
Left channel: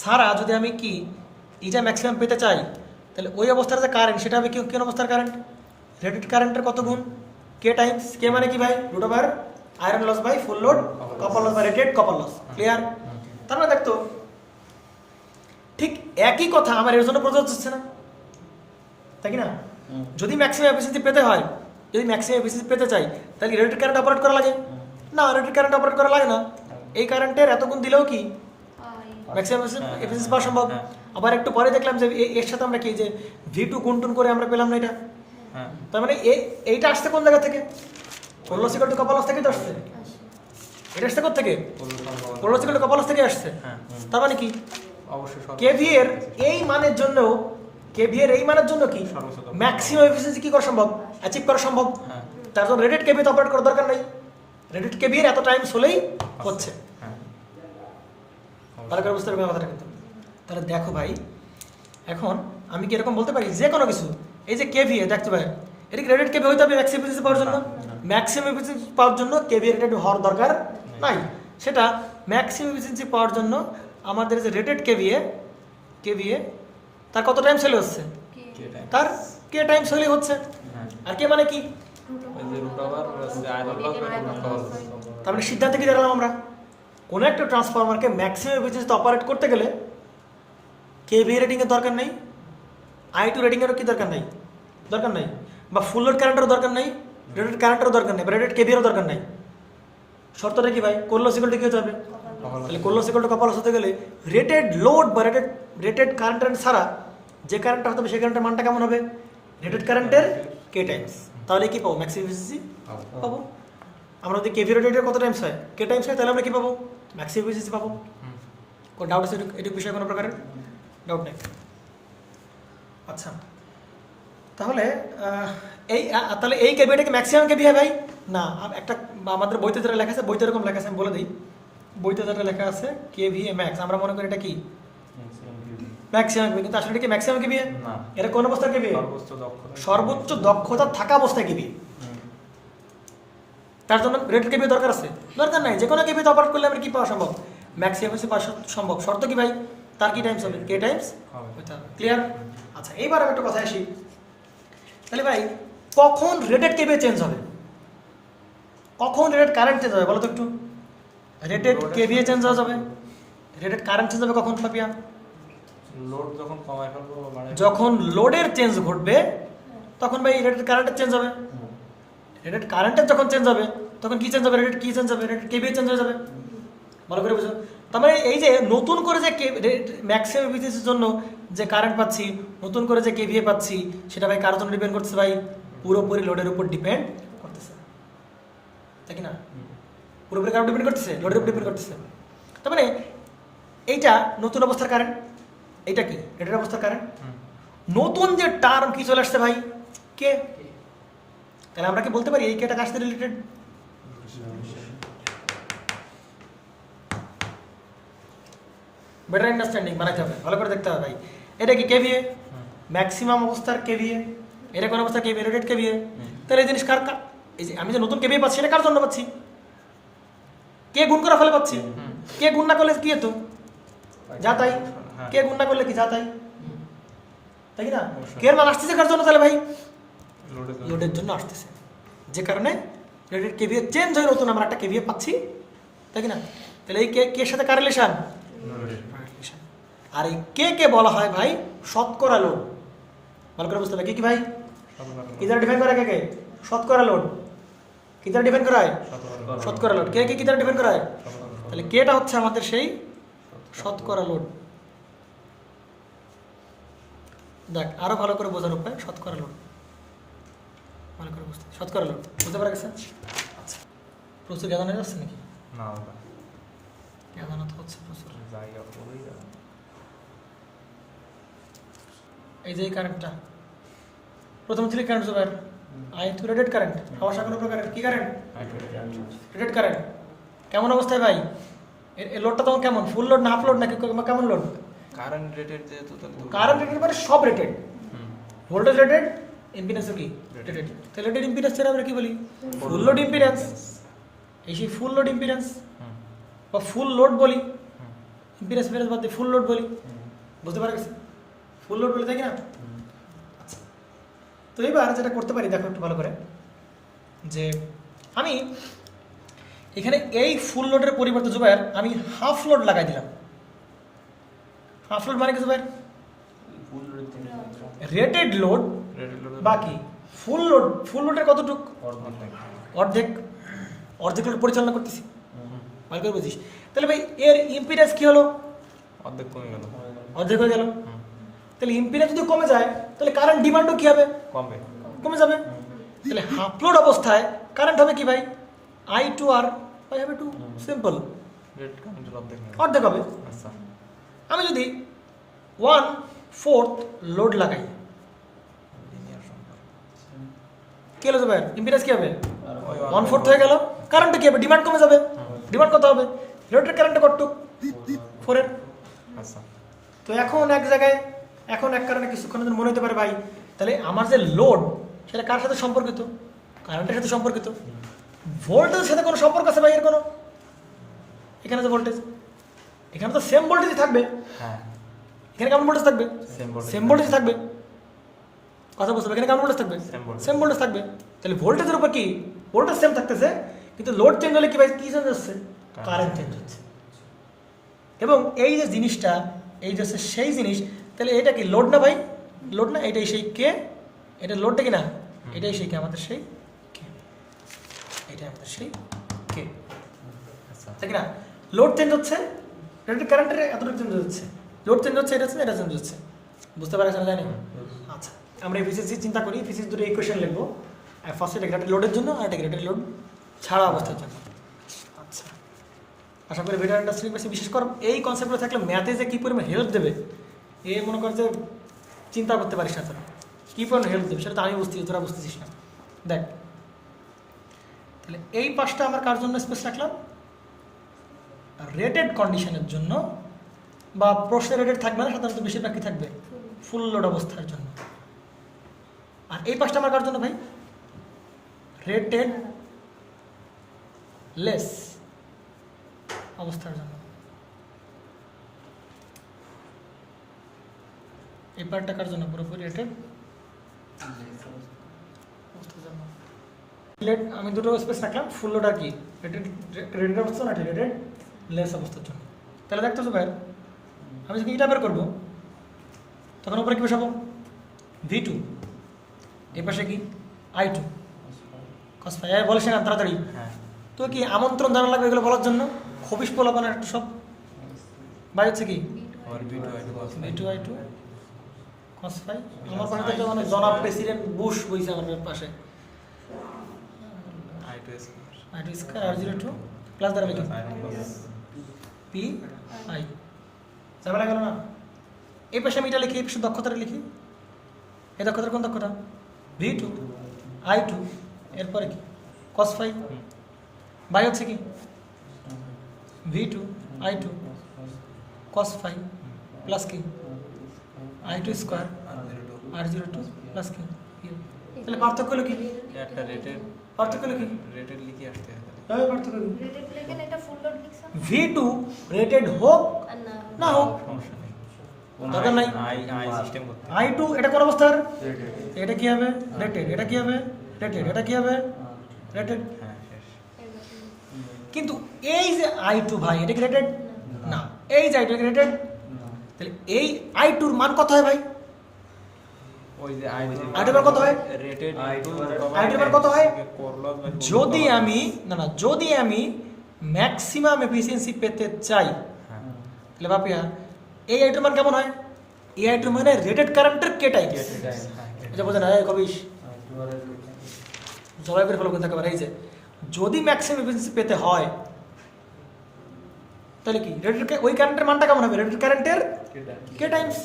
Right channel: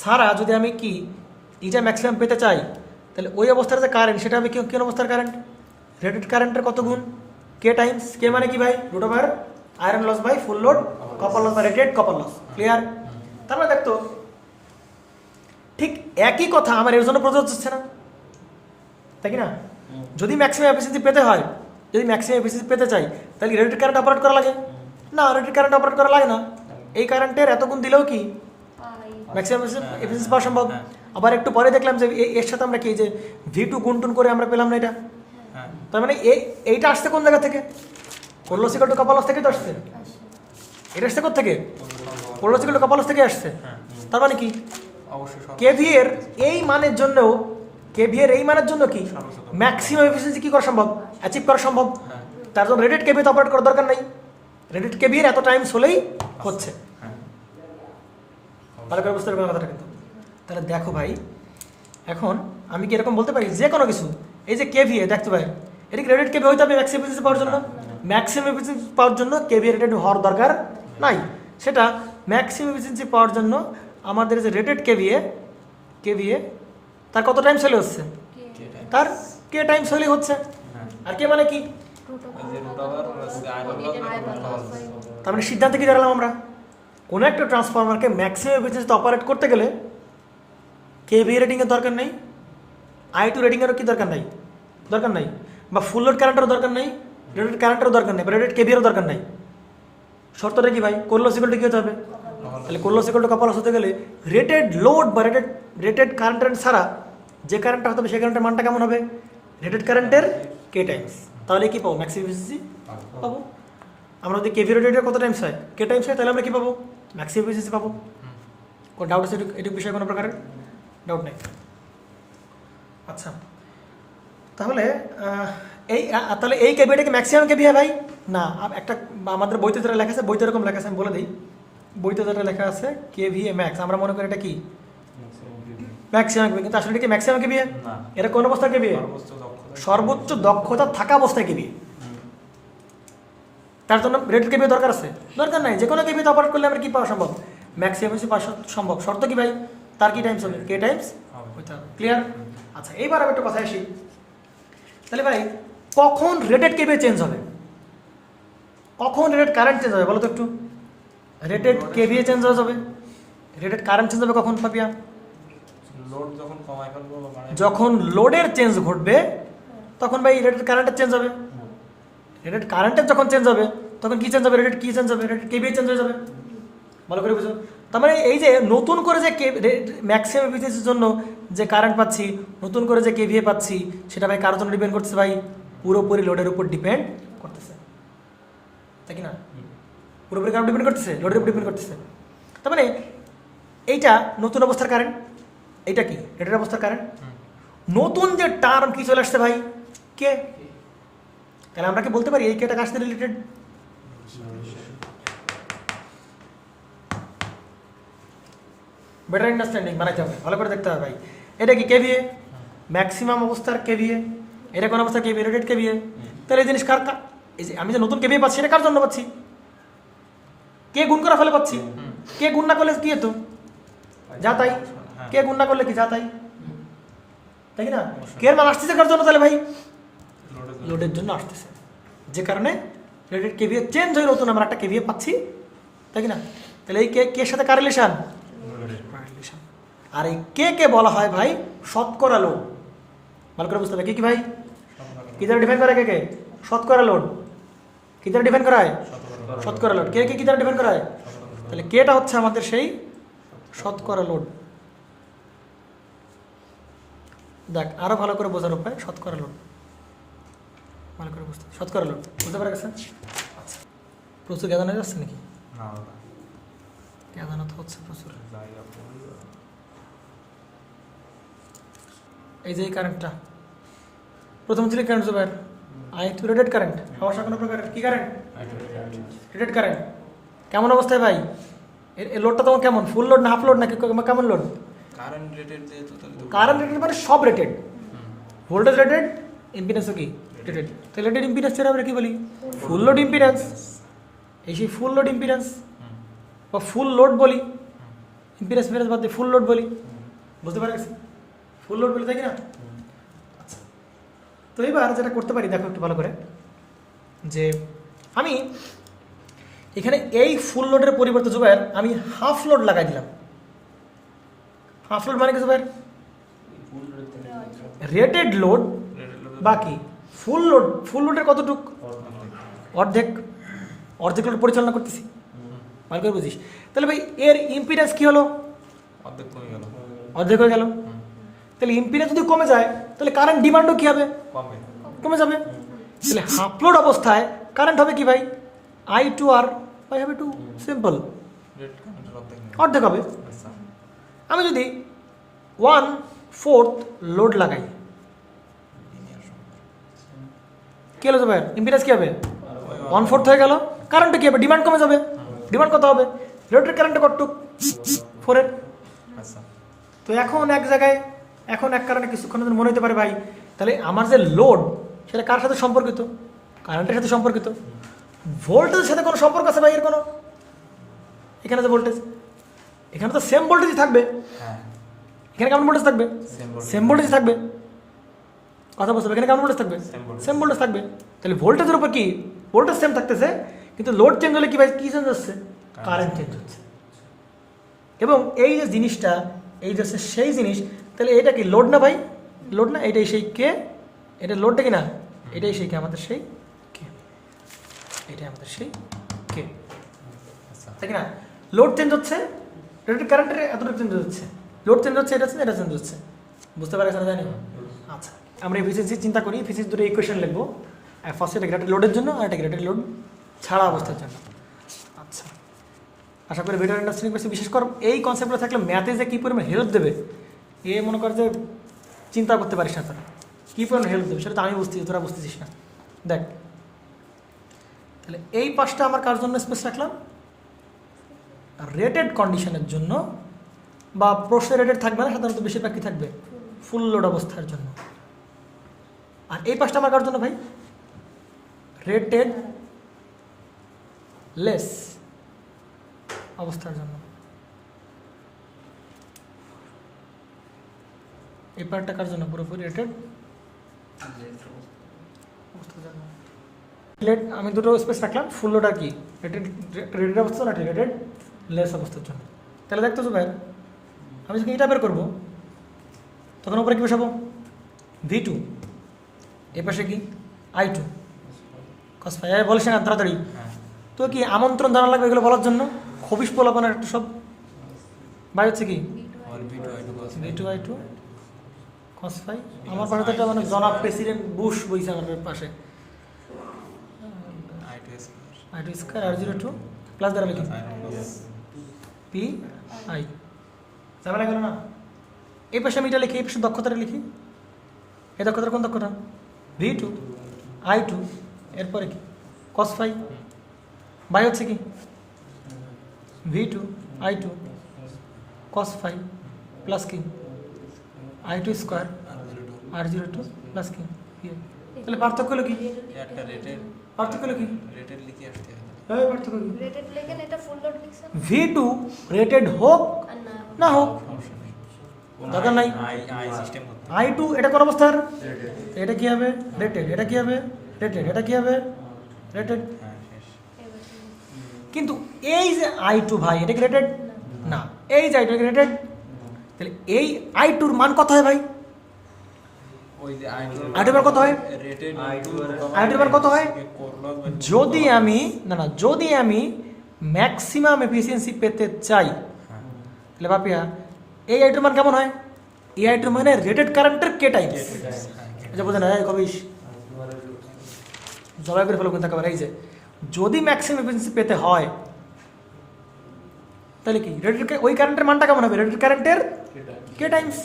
সারা যদি আমি কি ইটা ম্যাক্সিমাম পেতে চাই, তাহলে ওই অবস্থার যে কারেন্ট সেটা হবে কোন অবস্থার কারেন্ট, রেটেড কারেন্টের কত গুণ? কে টাইমস, কে মানে কি ভাই? Root over iron loss by full load copper loss বা রেটেড কপার লস। ক্লিয়ার? তার মানে দেখতো ঠিক একই কথা আমার এর জন্য প্রযোজ্য হচ্ছে না, তাই কি না? যদি ম্যাক্সিমাম এফিসিয়েন্সি পেতে হয়, যদি ম্যাক্সিমাম এফিসিয়েন্সি পেতে চাই, তাহলে রেটেড কারেন্ট অপারেট করা লাগে না? রেটেড কারেন্ট অপারেট করা লাগে না। এই কারেন্টের এত গুণ দিলেও কি ম্যাক্সিমাম এফিসিয়েন্সি পাওয়া সম্ভব? আবার একটু পরে দেখলাম যে এর সাথে আমরা কি যে V2 গুণটুন করে আমরা পেলাম না এটা। তার মানে এইটা আসছে কোন জায়গা থেকে? কোরলোসিক্যাল টু কপালস থেকে তো আসছে। এটা আসছে কোথা থেকে? কোরলোসিক্যাল টু কপালস থেকে আসছে। তার মানে কি কেভিএ এর এই মানের জন্য, কেভিএ এর এই মানের জন্য কি ম্যাক্সিমাম এফিসিয়েন্সি কি করা সম্ভব? অ্যাচিভ করা সম্ভব। তার জন্য রেটেড কেভিএ অপারেট করার দরকার নাই। রেটেড কেভিএ এর এত টাইমস হলেই হচ্ছে। ভালো করে বুঝতে পারবেন কথাটা কিন্তু। তাহলে দেখো ভাই, এখন আমি কি এরকম বলতে পারি যে কোনো কিছু, এই যে কেভিএ দেখতে ভাই, এটা কি রেটেড কেভিএ হইতে হবে ম্যাক্সিমাম এফিসিয়েন্সি পাওয়ার জন্য? ম্যাক্সিমাম এফিসিয়েন্সি পাওয়ার জন্য কেভিএ রেটেড হওয়ার দরকার নাই। সেটা ম্যাক্সিমাম এফিসিয়েন্সি পাওয়ার জন্য আমাদের যে রেটেড কেভিএ তার কত টাইমস হলে হচ্ছে? তার কে টাইমস হলে হচ্ছে। আর কে মানে কি? তার মানে সিদ্ধান্তে কি দাঁড়ালাম আমরা? কোনো একটা ট্রান্সফরমারকে ম্যাক্সিমাম এফিসিয়েন্সিতে অপারেট করতে গেলে কেভিএ রেটিংয়ের দরকার নেই, I2 রেটিংয়েরও কি দরকার নাই, বা ফুল লোড কারেন্টেরও দরকার নাই, রেটেড কারেন্টেরও দরকার নেই, বা রেটেড কেভিএরও দরকার নাই। শর্তটা কি ভাই? কোরলোসিক্যালটা কি হতে হবে? তাহলে কোরলোসিক্যাল টু কপালস হতে গেলে রেটেড লোড বা রেটেড কারেন্টের ছাড়া যে কারেন্টটা হতে হবে সেই কারেন্টের মানটা কেমন হবে? রেটেড কারেন্টের কে টাইমস। তাহলে কি পাবো? ম্যাক্সিমাম এফিসিয়েন্সি পাবো। আমরা যদি কেভি রেটেডের কত টাইমস হয়, কে টাইমস হয়, তাহলে আমরা কি পাবো? ম্যাক্সিমাম এফিসিয়েন্সি পাবো। কোনো ডাউট আছে এটুকু বিষয়ে? কোনো প্রকারের ডাউট নেই? আচ্ছা, তাহলে তাহলে এই কেভিটাকে ম্যাক্সিমাম কেভি হয় ভাই? না, একটা আমাদের বইতে যেটা লেখা আছে, বইতে এরকম লেখা আছে, আমি বলে দিই। বইতে যেটা লেখা আছে কেভিএ ম্যাক্স, আমরা মনে করি এটা কি ম্যাক্সিমাম কেভি, কিন্তু আসলে এটা কি ম্যাক্সিমাম কেভিএ? এটা কোন অবস্থা কেভিএ? সর্বোচ্চ দক্ষতা থাকা অবস্থায় কেভিএ। তার জন্য রেটেড কেভিএ দরকার আছে? দরকার নাই। যে কোনো কেভিতে অপারেট করলে আমরা কি পাওয়া সম্ভব? ম্যাক্সিমাম এফিসিয়েন্সি পাওয়া সম্ভব। শর্ত কি ভাই? তার কি টাইমস হবে? কে টাইমস হইতে হবে। ক্লিয়ার? আচ্ছা, এইবার আমি একটা কথা আসি। তাহলে ভাই কখন রেটেড কেভিএ চেঞ্জ হবে? কখন রেটেড কারেন্ট চেঞ্জ হবে বলো তো একটু? রেটেড কেভিএ চেঞ্জ হয়ে যাবে, রেটেড কারেন্ট চেঞ্জ হবে কখন পাপিয়া? লোড যখন কমায় ফেলবো, মানে যখন লোডের চেঞ্জ ঘটবে তখন ভাই রেটেড কারেন্টের চেঞ্জ হবে। রেটেড কারেন্টের যখন চেঞ্জ হবে তখন কি চেঞ্জ হবে? রেটেড কি চেঞ্জ হবে? রেটেড কেভিএ চেঞ্জ হয়ে যাবে। ভালো করে বুঝো। তার মানে এই যে নতুন করে যে ম্যাক্সিমাম এফিসিয়েন্সির জন্য যে কারেন্ট পাচ্ছি, নতুন করে যে কেভিএ পাচ্ছি, সেটা ভাই কার জন্য ডিপেন্ড করতেছে ভাই? পুরোপুরি লোডের উপর ডিপেন্ড করতেছে, তাই কি না? পুরোপুরি কারেন্ট ডিপেন্ড করতেছে, লোডের উপর ডিপেন্ড করতেছে। তার মানে এইটা নতুন অবস্থার কারেন্ট, এইটা কি রেটেড অবস্থার কারেন্ট। নতুন যে টার্ম কি চলে আসছে ভাই? কে। তাহলে আমরা কি বলতে পারি এই কেটা কার সাথে রিলেটেড? বেটার আন্ডারস্ট্যান্ডিং বানাইতে হবে, ভালো করে দেখতে হবে ভাই। এটা কি কেভিএ? ম্যাক্সিমাম অবস্থার কেভিএ। এটা কোন অবস্থার কেভিএ? Rated KVA. তাহলে এই জিনিস কার, এই যে আমি যে নতুন কেভিএ পাচ্ছি এটা কার জন্য পাচ্ছি? কে গুণ করা ফলে পাচ্ছি। কে গুণ না করলে কি হতো? যা তাই। কে গুণ না করলে কি যা তাই, তাই না? কে এর মান আসতেছে কার জন্য? তাহলে ভাই লোডের জন্য আসতেছে, যে কারণে রেটেড কেভিএ চেঞ্জ হয়ে নতুন আমরা একটা কেভিএ পাচ্ছি, তাই না? তাহলে এই কে এর সাথে কার রিলেশন? আর এই কে বলা হয় ভাই শতকরা লোড। ভালো করে বুঝতে হবে কি ভাই? কি দ্বারা ডিফাইন করা কে? শতকরা লোড। কি দ্বারা ডিফাইন করা হয়? শতকরা লোড। কে কি দ্বারা ডিফাইন করা হয়? তাহলে কেটা হচ্ছে আমাদের সেই শতকরা লোড। দেখ আরো ভালো করে বোঝার উপায়, শতকরা লোড। ভালো করে বুঝতে, শতকরা লোড বুঝতে পারা গেছে? আচ্ছা, প্রচুর জ্ঞান হয়ে যাচ্ছে নাকি? না, জ্ঞান তো হচ্ছে প্রচুর। এই যে কারেন্টটা প্রথম ছিল কারেন্ট জোবার I2 রেটেড কারেন্ট, হওয়ার সাথে কোনো কারেন্ট কি কারেন্ট? Rated current. কেমন অবস্থায় ভাই? এই লোডটা তখন কেমন? ফুল লোড না হাফ লোড নাকি কেমন লোড? কারেন্ট রেটেড যেহেতু, কারেন্ট রেটেড মানে সব রেটেড, ভোল্টেজ রেটেড, ইম্পিডেন্সও কি রেটেড। তো রেটেড ইম্পিডেন্স আমরা কি বলি? Full load impedance. এই সেই ফুল লোড ইম্পিডেন্স বা ফুল লোড বলি, ইম্পিডেন্স ইম্পিডেন্স বাদ দিয়ে ফুল লোড বলি। বুঝতে পারা গেছে? ফুল লোড বলে থাকি না। আচ্ছা, তো এবার যেটা করতে পারি দেখো একটু ভালো করে, যে আমি এখানে এই ফুল লোডের পরিবর্তে জুবাইর আমি হাফ লোড লাগাই দিলাম। হাফ লোড মানে কি জুবাইর? রেটেড লোড বাকি ফুল লোড। ফুল লোডের কতটুক? অর্ধেক। অর্ধেক লোড পরিচালনা করতেছি, ভালো করে বুঝিস। তাহলে ভাই এর ইম্পিডেন্স কি হলো? অর্ধেক কমে গেল। অর্ধেক হয়ে গেল। তাহলে ইম্পিডেন্স যদি কমে যায় তাহলে কারেন্ট ডিমান্ডও কি হবে? কমবে। কমে যাবে। তাহলে হাফ লোড অবস্থায় কারেন্ট হবে কি ভাই? আই টু আর বাই হবে টু, সিম্পল, রেট কারেন্টের অর্ধেক হবে। অর্ধেক হবে। আচ্ছা। আমি যদি 1/4 লোড লাগাই লিনিয়ার সম্পর্ক। কি হলো ভাই? ইম্পিডেন্স কি হবে? 1/4 হয়ে গেল। কারেন্টটা কি হবে? ডিমান্ড কমে যাবে। ডিমান্ড কত হবে? লোডের কারেন্টটা কতটুক? 4 এর। আচ্ছা। তো এখন এক জায়গায়, এখন এক কারণে কিছুক্ষণ মনে হতে পারে ভাই তাহলে আমার যে লোড সেটা কার সাথে সম্পর্কিত? কারেন্টের সাথে সম্পর্কিত। ভোল্টেজের সাথে কোনো সম্পর্ক আছে ভাই এর কোনো? এখানে যে ভোল্টেজ, এখানে তো সেম ভোল্টেজই থাকবে। হ্যাঁ। এখানে কেমন ভোল্টেজ থাকবে? সেম ভোল্টেজ থাকবে। কথা বুঝতে হবে, এখানে কেমন ভোল্টেজ থাকবে? সেম ভোল্টেজ থাকবে। তাহলে ভোল্টেজের উপর কি ভোল্টেজ সেম থাকতেছে, কিন্তু লোড চেঞ্জ হলে কি ভাই কি চেঞ্জ হচ্ছে? কারেন্ট চেঞ্জ হচ্ছে। এবং এই যে জিনিসটা, এই যে সেই জিনিস, তাহলে এটা কি লোড না ভাই? লোড না? এটাই সেই কে, এটা লোডটা কি না? এটাই সেই কে, আমাদের সেই কে, এটাই আমাদের সেই কে, আচ্ছা। ঠিক না? লোড চেঞ্জ হচ্ছে, রেটেড কারেন্টের এতটুকু চেঞ্জ হচ্ছে, লোড চেঞ্জ হচ্ছে, এটা চেঞ্জ, এটা চেঞ্জ হচ্ছে। বুঝতে পারছেন না? জানি। আচ্ছা, আমরা এফিসিয়েন্সি চিন্তা করি, এফিসিয়েন্সি দুটো ইকুয়েশন লিখবো। ফার্স্ট এটা রেটেড লোডের জন্য, আর এটা রেটেড লোড ছাড়া অবস্থার জন্য। আচ্ছা, আশা করি ভিডিও ইন্ডাস্ট্রি বেশি বিশেষ করে এই কনসেপ্টগুলো থাকলে ম্যাথে যে কী পরিমাণ হেল্প দেবে এ মনে করে যে চিন্তা করতে পারিস না তোরা, কী পরিমাণ হেল্প দেবে সেটা তো আমি বুঝতেছি, তোরা বুঝতেছিস না। দেখ, তাহলে এই পাঁচটা আমার কার জন্য স্পেস রাখলাম? রেটেড কন্ডিশনের জন্য, বা প্রশ্নে রেটেড থাকবে না, সাধারণত বেশিরভাগ কি থাকবে? ফুল লোড অবস্থার জন্য। আর এই পাঁচটা আমার কার জন্য ভাই? রেটেড লেস অবস্থার জন্য। এই পার্টটা কার জন্য? পুরোপুরি রেটেড অবস্থার জন্য। আমি দুটো স্পেস রাখলাম, ফুল লোড আর কি রেটেড, রেটেড অবস্থা না রেটেড লেস অবস্থার জন্য। তাহলে দেখতো ভাই, আমি যখন এটা বের করবো তখন উপরে কি বসাবো? V2, এ পাশে কি I2 cos phi। বলছে না তাড়াতাড়ি, তো কি আমন্ত্রণ জানা লাগবে এগুলো বলার জন্য? খবিস পোলাপানের একটা সব বাই হচ্ছে কি V2 I2 cos phi। আমার পাশে একটা মানে জনাব প্রেসিডেন্ট বুশ বইছে আমাদের পাশে, I2 স্কয়ার R02 প্লাস দ্বারা লিখি P I। ঝামেলা গেল না? এই পাশে আমি এটা লিখি, এই পাশে দক্ষতাটা লিখি। এই দক্ষতার কোন দক্ষতা? V2 I2, এরপরে কি cos phi বাই হচ্ছে কি V2 I2 cos phi plus কি I2 স্কয়ার R02 প্লাস কি। তাহলে পার্থক্য হলো কি? একটা রেটেড, পার্থক্য হলো কি? রেটেড লিখে আসতে হবে। পার্থক্য হলো রেটেড লেখেন, এটা ফুল লোড লিখছেন। V2 রেটেড হোক আর না হোক সমস্যা নেই। দরকার নাই। আই সিস্টেম করতে I2 এটা কোন অবস্থার? এটা কি হবে? রেটেড। এটা কি হবে? রেটেড। এটা কি হবে? রেটেড। হ্যাঁ শেষ। কিন্তু এই যে I2 ভাই, এটা কি রেটেড না? এই যে I2 রেটেড, তাহলে এই I2 এর মান কত হয় ভাই? ওই যে I2 এর মান কত হয়? রেটেড I2 এর মান কত হয়? যদি আমি যদি আমি ম্যাক্সিমাম এফিসিয়েন্সি পেতে চাই, তাহলে বাপিয়া এই I2 এর মান কেমন হয়? এই I2 মানে রেটেড কারেন্টের কে টাইমস। এটা বোঝে না? কবিস জবাই করে ফেলো কিন্তু একেবারে। এই যে যদি ম্যাক্সিমাম এফিসিয়েন্সি পেতে হয় তাহলে কি রেটেড ওই কারেন্টের মানটা কেমন হবে? রেটেড কারেন্টের কে টাইমস।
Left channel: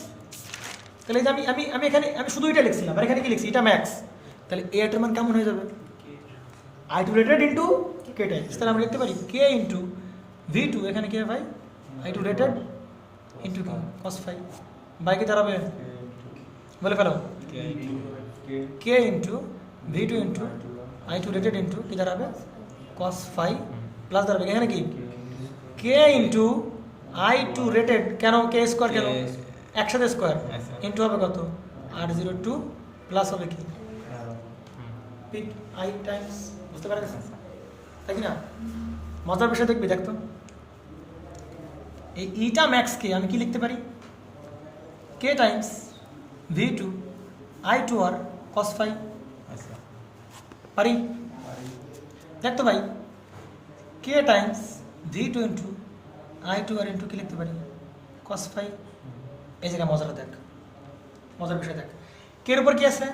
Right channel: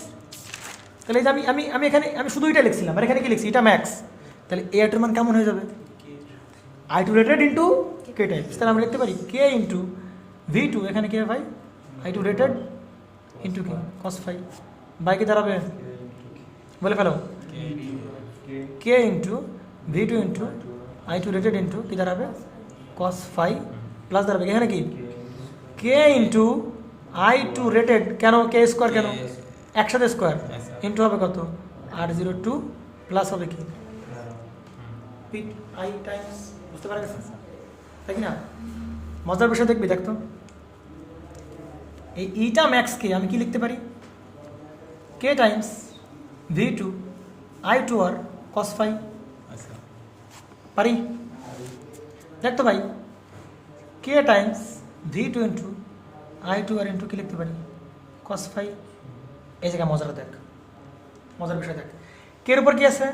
তাহলে এই যে আমি আমি আমি এখানে আমি শুধু এটা লিখছিলাম, আর এখানে কি লিখছি? এটা ম্যাক্স। তাহলে এই I2 এর মান কেমন হয়ে যাবে? I2 rated into k Times. তাহলে আমরা লিখতে পারি কে ইন্টু V2, এখানে কি ভাই I2 rated into cos phi by কি দাঁড়াবে? বলে ফেলো K into V2 into I2 rated into কি দাঁড়াবে? cos phi প্লাস দাঁড়াবে এখানে কি কে ইন্টু I2 রেটেড, কেন কে স্কোয়ার, কেন একসাথে স্কোয়ার ইন্টু হবে কত? R02 প্লাস হবে কি পি আই টাইমস, বুঝতে পারা গেছে তাই কি না? মজার বিষয় দেখবি, দেখতো এই ইটা ম্যাক্সকে আমি কি লিখতে পারি? K times V two I two R cos phi, আচ্ছা পারি? দেখতো ভাই, K times V two into I two R into কি লিখতে পারি? Cos phi. এই জায়গায় মজাটা দেখ, মজার বিষয় দেখ, কে এর উপর কি আছে?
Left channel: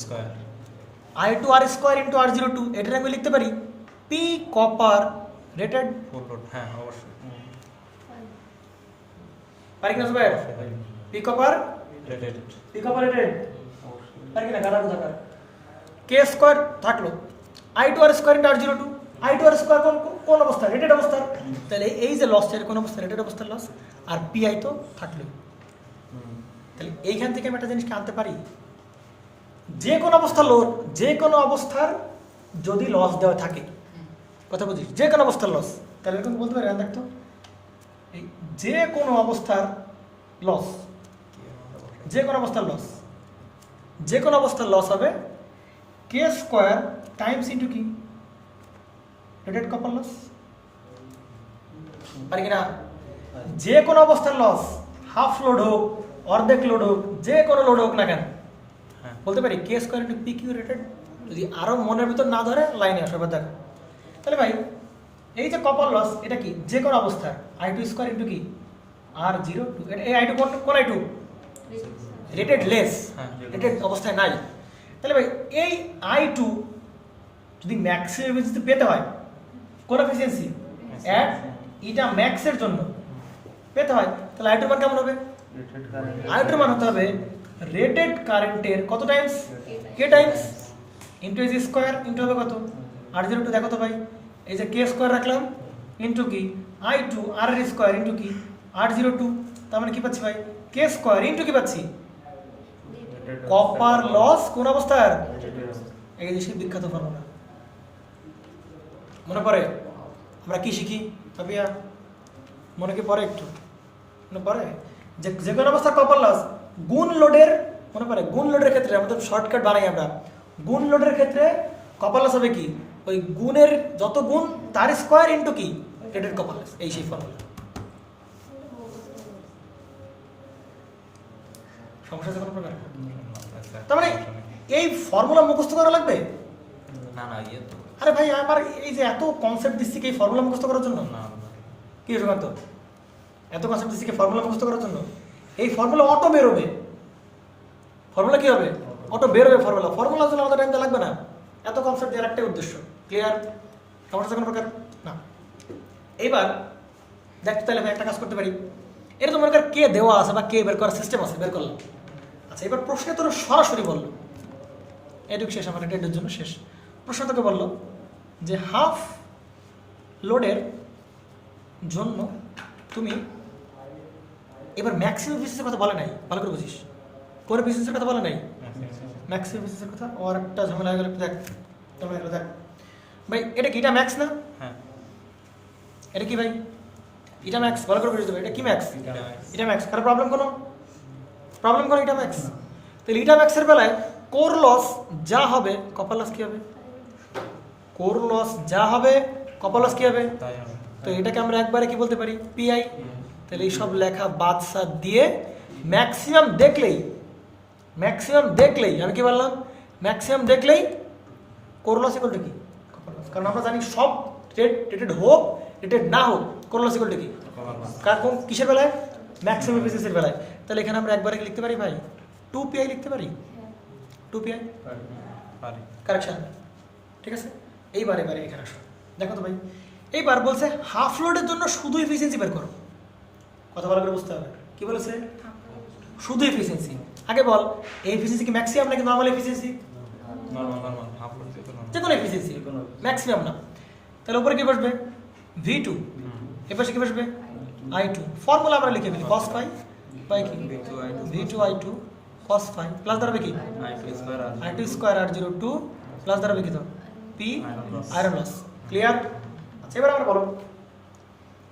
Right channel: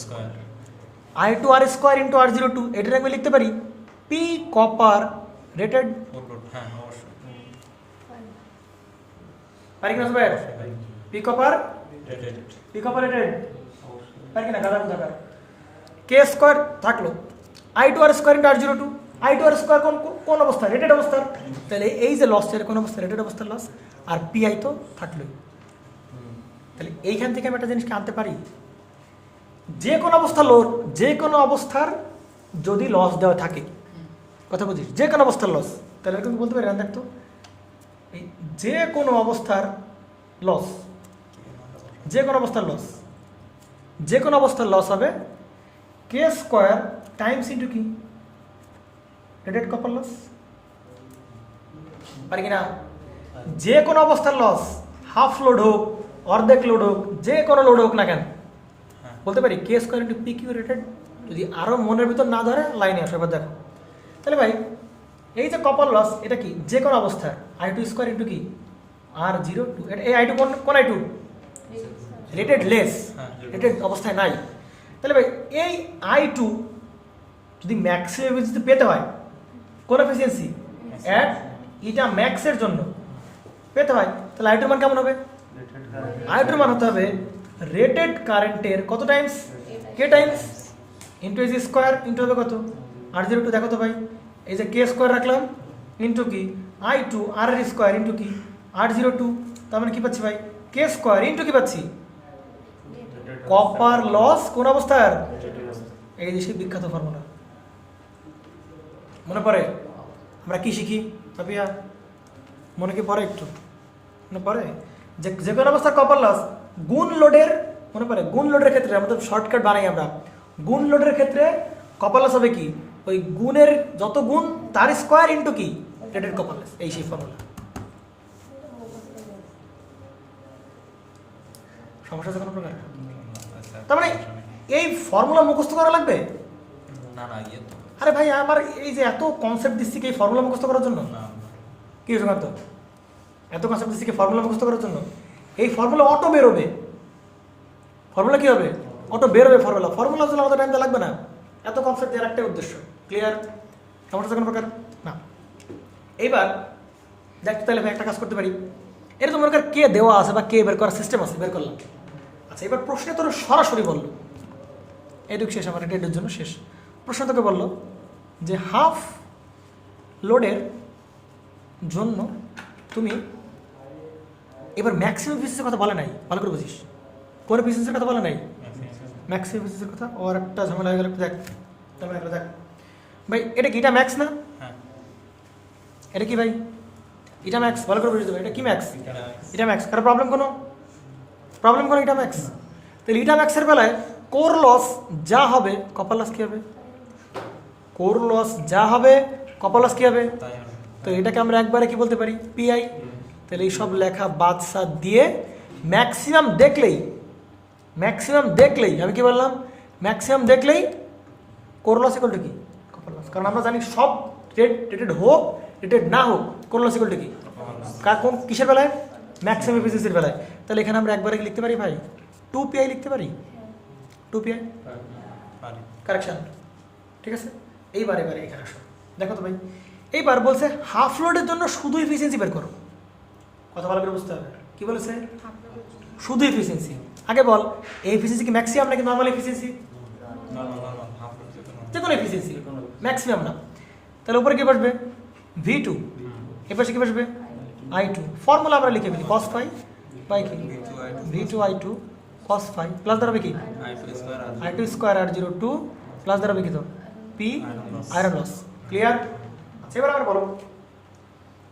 Square I two R square into R zero two, এটার আমি লিখতে পারি P copper rated, full load, হ্যাঁ অবশ্যই পারি কিনা ভাই? P copper rated P copper rated পারি কিনা? গাড়া বুঝা পার। কে স্কোয়ার থাকলো, I two R square into R zero two, I two R square কোন অবস্থা? রেটেড অবস্থা। তাহলে এই যে লস, এর কোন অবস্থা? রেটেড অবস্থার লস। আর পি আই তো থাকলো। তাহলে এইখান থেকে আমি একটা জিনিসকে আনতে পারি, যে কোনো অবস্থা লোড, যে কোনো অবস্থার যদি লস দেওয়া থাকে, কথা বুঝিস, যে কোনো অবস্থার লস, তাহলে তুমি বলতে পারি দেখতো এই যে কোনো অবস্থার লস, যে কোনো অবস্থার লস, যে কোনো অবস্থার লস হবে কে স্কোয়ার টাইমস ইন্টু কি? Rated copper loss. পারি কিনা? যে কোনো অবস্থার লস, হাফ লোড হোক, অর্ধেক লোড হোক, যে কোনো লোড হোক না কেন, বলতে পারি K square into P Q rated. যদি আরও মনের ভিতর না ধরে লাইনে আসে, এবার দেখো তাহলে ভাই এই যে কপার লস, এটা কি? যে কোনো অবস্থা আই টু স্কোয়ার ইন্টু কি? R zero two. এই আই টু কোন I two? Rated loss, rated অবস্থায় নাই। তাহলে ভাই এই আই টু যদি ম্যাক্সিমাম এফিসিয়েন্সি পেতে হয়, কোন এফিসিয়েন্সি? অ্যাট ইটা ম্যাক্সের জন্য পেতে হয়, তাহলে আই টুর মান কেমন হবে? আই টুর মান হতে হবে রেটেড কারেন্টের কত টাইমস? কে টাইমস ইন্টু এজ স্কোয়ার ইন্টু হবে কত? R zero two. দেখো তো ভাই, এই যে কে স্কোয়ার রাখলাম ইন্টু কি? আই টু আর এর স্কোয়ার ইন্টু কি? R zero two. তার মানে কি পাচ্ছি ভাই? কে স্কোয়ার ইন্টু কি পাচ্ছি? কপার লস কোন অবস্থার? এই যে সেই বিখ্যাত ফর্মুলা মনে পড়ে? আমরা কি শিখি তাপিয়া? মনে কি পড়ে একটু? মনে পড়ে যে যে কোনো অবস্থায় কপার লস গুণ লোডের, মনে পড়ে? গুণ লোডের ক্ষেত্রে আমাদের শর্টকাট বানাই আমরা, গুণ লোডের ক্ষেত্রে কপার লস হবে কি? ওই গুণের যত গুণ তার স্কোয়ার ইন্টু কি? Rated copper loss. এই সেই ফর্মুলা। সমস্যা আছে কোনো প্রকার? তার মানে এই ফর্মুলা মুখস্থ করা লাগবে না না ইয়ে তো আরে ভাই আমার এই যে এত কনসেপ্ট দিচ্ছি কি এই ফর্মুলা মুখস্থ করার জন্য? না কি সুকান্ত, এত কনসেপ্ট দিচ্ছি কি ফর্মুলা মুখস্থ করার জন্য? এই ফর্মুলা অটো বেরোবে। ফর্মুলা কি হবে? অটো বেরোবে ফর্মুলা। ফর্মুলার জন্য আমাদের টাইম লাগবে না। এত কনসেপ্ট দেওয়ার একটাই উদ্দেশ্য। ক্লিয়ার? সমস্যা কোনো প্রকার না। এইবার দেখ, তাহলে আমি একটা কাজ করতে পারি, এটা তো মনে কর কে দেওয়া আছে বা কে বের করার সিস্টেম আছে, বের করলাম। আচ্ছা, এবার প্রশ্নে তোর সরাসরি বললো, এটুক শেষ, আমার এটা এর জন্য শেষ। প্রশ্ন তোকে বললো যে হাফ লোডের জন্য তুমি এবার ম্যাক্সিমাম এফিসিয়েন্সির কথা বলে নাই, ভালো করে বুঝিস। কোন এফিসিয়েন্সির কথা বলে নাই? ম্যাক্সিমাম এফিসিয়েন্সির কথা। ওর একটা ঝামেলা হয়ে গেল, দেখ ঝামেলা হয়ে গেল। দেখ ভাই, এটা কি? এটা ম্যাক্স না? হ্যাঁ এটা কি ভাই? এটা ম্যাক্স, ভালো করে বুঝতে হবে। এটা কি ম্যাক্স? এটা ম্যাক্স। কারণ প্রবলেম কোনো এটা ম্যাক্স। তাহলে এটা ম্যাক্সের বেলায় কোর লস যা হবে, কপার লস কি হবে? কোর লস যা হবে, কপার লস কি হবে? তাই হবে। তো এটাকে আমরা একবারে কি বলতে পারি? পিআই। তাহলে এই সব লেখা বাদ সাদ দিয়ে ম্যাক্সিমাম দেখলেই আমি কি বললাম? ম্যাক্সিমাম দেখলেই কোর লস ইকুয়াল টু কি? Copper loss. কারণ আমরা জানি সব রেটেড হোক রেটেড না হোক, কোর লস ইকুয়াল টু কি? কার কোন কিসের বেলায়? ম্যাক্সিমাম এফিসিয়েন্সির বেলায়। তাহলে এখানে আমরা একবারে কি লিখতে পারি ভাই? 2PI লিখতে পারি। 2PI পারি কারেকশন, ঠিক আছে? এইবার এখানে আসো, দেখো তো ভাই, এইবার বলছে হাফ লোডের জন্য শুধু এফিসিয়েন্সি বের করো। কথা ভালো করে বুঝতে হবে। কি বলেছে? শুধু এফিসিয়েন্সি। আগে বল, এই এফিসিয়েন্সি কি ম্যাক্সিমাম নাকি নর্মাল এফিসিয়েন্সি? নরমাল হাফ করতে যে কোনো এফিসিয়েন্সি, ম্যাক্সিমাম না। তাহলে উপরে কি বসবে? V2। এপাশে কি বসবে? I2। ফর্মুলা আমরা লিখে ফেলি, cos phi বাই কি? V2I2 cos phi প্লাস দাঁড়াবে কি? I2 স্কোয়ার আর 0 2 প্লাস দাঁড়াবে কি? তো P আয়রন লস। ক্লিয়ার? আচ্ছা, এবার আমার বলো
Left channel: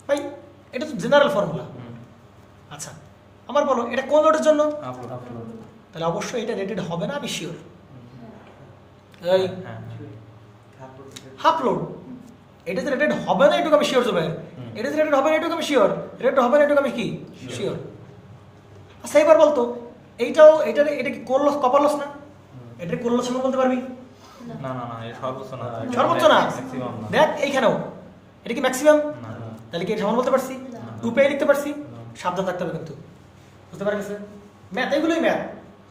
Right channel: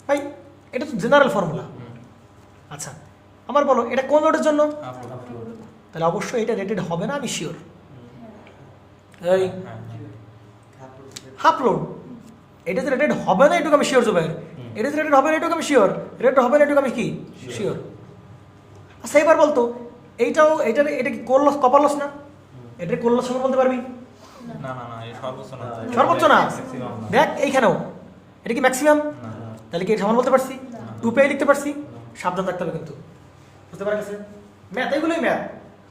ভাই, এটা তো জেনারেল ফর্মুলা। আচ্ছা, আমার বলো এটা কোন লোডের জন্য? তাহলে অবশ্যই এটা রেটেড হবে না, আমি শিওর। এই হ্যাঁ হাফ লোড, এটা যে রেটেড হবে না এটুকু আমি শিওর জুবাইর, এটা যে রেটেড হবে না এটুকু আমি শিওর, রেট হবে না এটুকু আমি কি শিওর। আচ্ছা এবার বলতো এইটাও এটা কি কোর লস কপার লস না, এটা কোর লস বলতে পারবি? না না না এটা সর্বোচ্চ না সর্বোচ্চ না, ম্যাক্সিমাম না দেখ এইখানেও এটা কি ম্যাক্সিমাম, না তাহলে কি সমান বলতে পারছি? 2 লিখতে পারছি, সাবধান থাকতে হবে কিন্তু, বুঝতে পারছেন? ম্যাথ এইগুলোই ম্যাথ,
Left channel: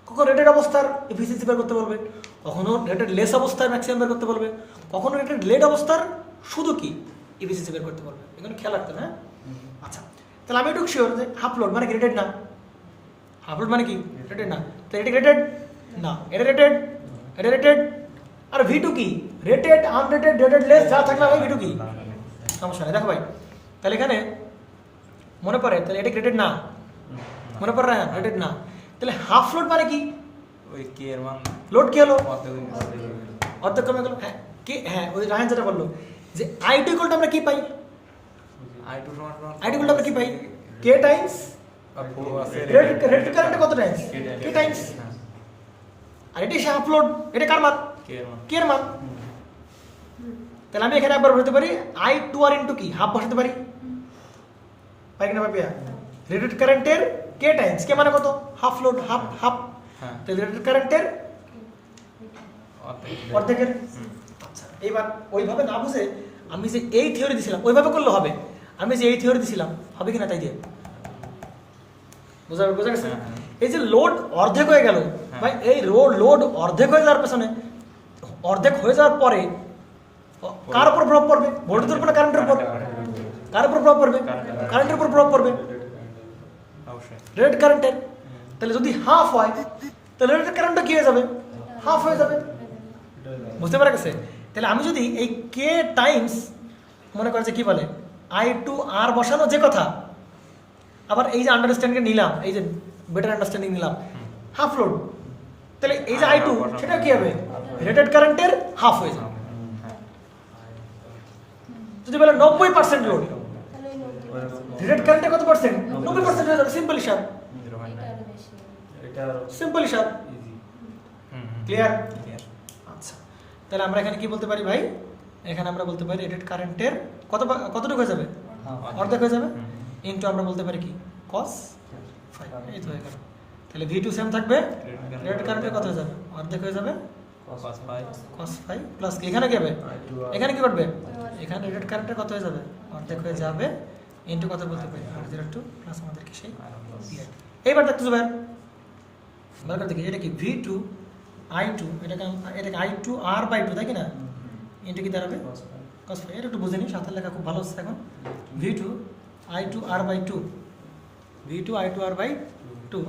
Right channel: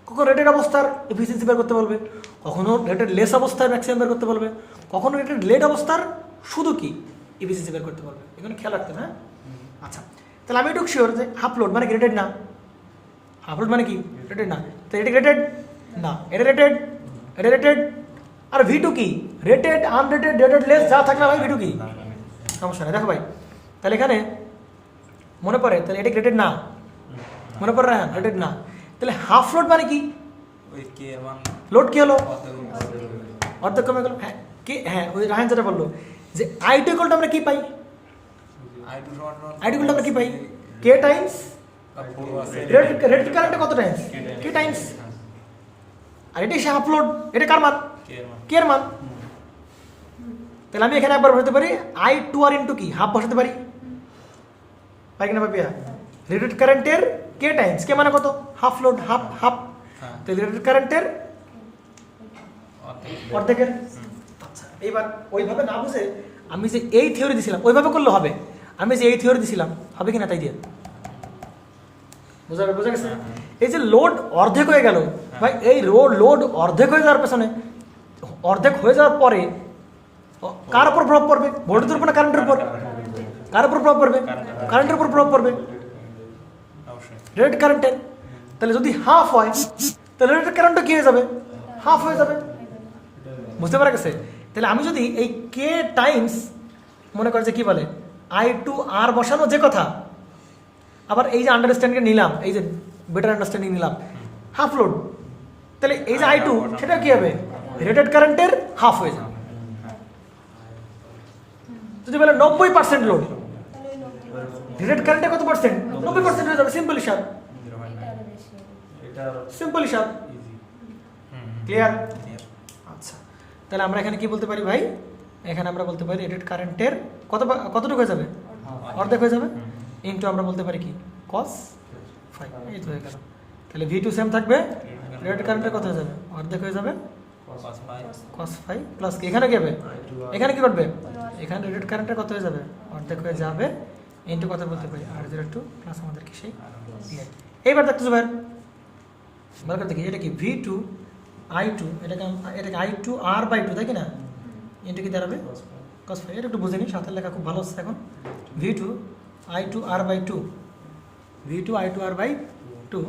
কখনো রেটেড অবস্থার এফিসিয়েন্সি বের করতে বলবে, কখনো রেটেড লেস অবস্থার ম্যাক্সিমাম বের করতে বলবে, কখনো রেটেড লেট অবস্থার শুধু কি এফিসিয়েন্সি বের করতে বলবে, এখানে খেয়াল রাখতে হবে, হ্যাঁ? আচ্ছা তাহলে আমি একটু শিওর যে হাফ লোড মানে কি রেটেড না, হাফ লোড মানে কি রেটেড না, তো এটা রেটেড না, এটা রেটেড, এটা রেটেড, আর ভি টু কি রেটেড, আনরেটেড, রেটেড লেস যা থাকলে ভাই ভি টু কি সমস্যা নেই। দেখো ভাই তাহলে এখানে মনে পড়ে, তাহলে এটা রেটেড না, মনে পড়ে না রেটেড না, তাহলে হাফ লোড মানে কি, ওই কে এর মান লোড কি হলো অর্ধেক অর্ধেক কমে গেল, হ্যাঁ কি, হ্যাঁ ওই রায়হান যেটা বললো যে আই টু ইকুয়াল আমরা কি পাই, I2 সমান আই টু ইকুয়াল আমরা কি পাই, কে টাইমস রেট, রেট কারেন্টে কত টাইমস, কে টাইমস, আর এটা সে হাফ লোড, এটা কার মান, কে এর মান কে এর মান, তাহলে আমি এখানে একবার বলতে পারি আই টু আর ইন্টু কি হাফ বসাতে পারি, পারি কিনা পাপিয়া, রেটেড কারেন্টের কে টাইমস, কে মানে কত হাফ লোড, হাফ হাফ, হ্যাঁ তাহলে রেটেড কারেন্টের অর্ধেক অর্ধেকের। আচ্ছা এইবার ওইভাবে না বুঝে আমি যে এই থিওরি দিছিলাম ওইভাবে করলে হবে, আমি যে এই থিওরি দিছিলাম হবে কিনা তাই দিয়ে বোঝা গেছে? এই যে লোড অর্ধেক হয়ে গেল ভাই, এই লোড অর্ধেক হয়ে যাওয়ার পেছনে, অর্ধেক হয়ে যাওয়ার পরে কার উপর প্রভাব পড়বে, ভোল্টেজের উপর না কারেন্টের উপর, কার উপর প্রভাব পড়বে, কারেন্টের উপর প্রভাব পড়বে, অবশ্যই রেট কারেন্টের। তাহলে যদি হাফ হয় তাহলে রেট কারেন্টটা কি হয়ে যাবে, হাফ হয়ে যাবে, বুঝতে পারা গেছে? তাহলে আমি যদি এই কে টাইমস মনে করে যে কি বলে আই টু আর বসানো যে কথা, আবার এই যে আন্ডারস্ট্যান্ডিং নিলাম, এই যে বেটার আন্ডারস্ট্যান্ডিং নিলাম হাফ লোড, তাহলে এই যে আই টু সেটা কি হবে রেটেড কারেন্টের হাফ হয়ে যাবে। যদি বলে 90% লোড, রেটেড কারেন্টে কত পার্সেন্ট, 90% হয়ে যাবে, সিম্পল হিসাব, 0.9 সিম্পল হিসাব, ক্লিয়ার? ক্লিয়ার আচ্ছা তাহলে আমরা এখানে কি বলতে পারি ভাই, এখানে আমরা বলতে পারি রেটেড কারেন্টের কতটুকু হয়ে যাবে, অর্ধেক হয়ে যাবে, ইনটু আমরা বলতে পারি কি cos 5, এই তো হয়ে গেল। তাহলে V2 সেম থাকবে, রেটেড কারেন্টের কত হয়ে যাবে, অর্ধেক হয়ে যাবে cos 5 প্লাস কি এখানে কি হবে, এখানে কি করবে, এখানে রেটেড কারেন্টের কত হয়ে যাবে, অর্ধেক হয়ে যাবে, ইনটু কত বলতে পারি R02 প্লাস আমাদের কি সেই এইবার দেখতেছো ভাই ভালো করে দেখি, এটা কি V2 I2, এটাকে I2 R/2 তাই কি না, ইনটু কি দাঁড়াবে cos 5, এটা একটু বুঝে নিই, সাথে লেখা খুব ভালো হচ্ছে এখন, V2 I2 R/2, V2 I2 R/2,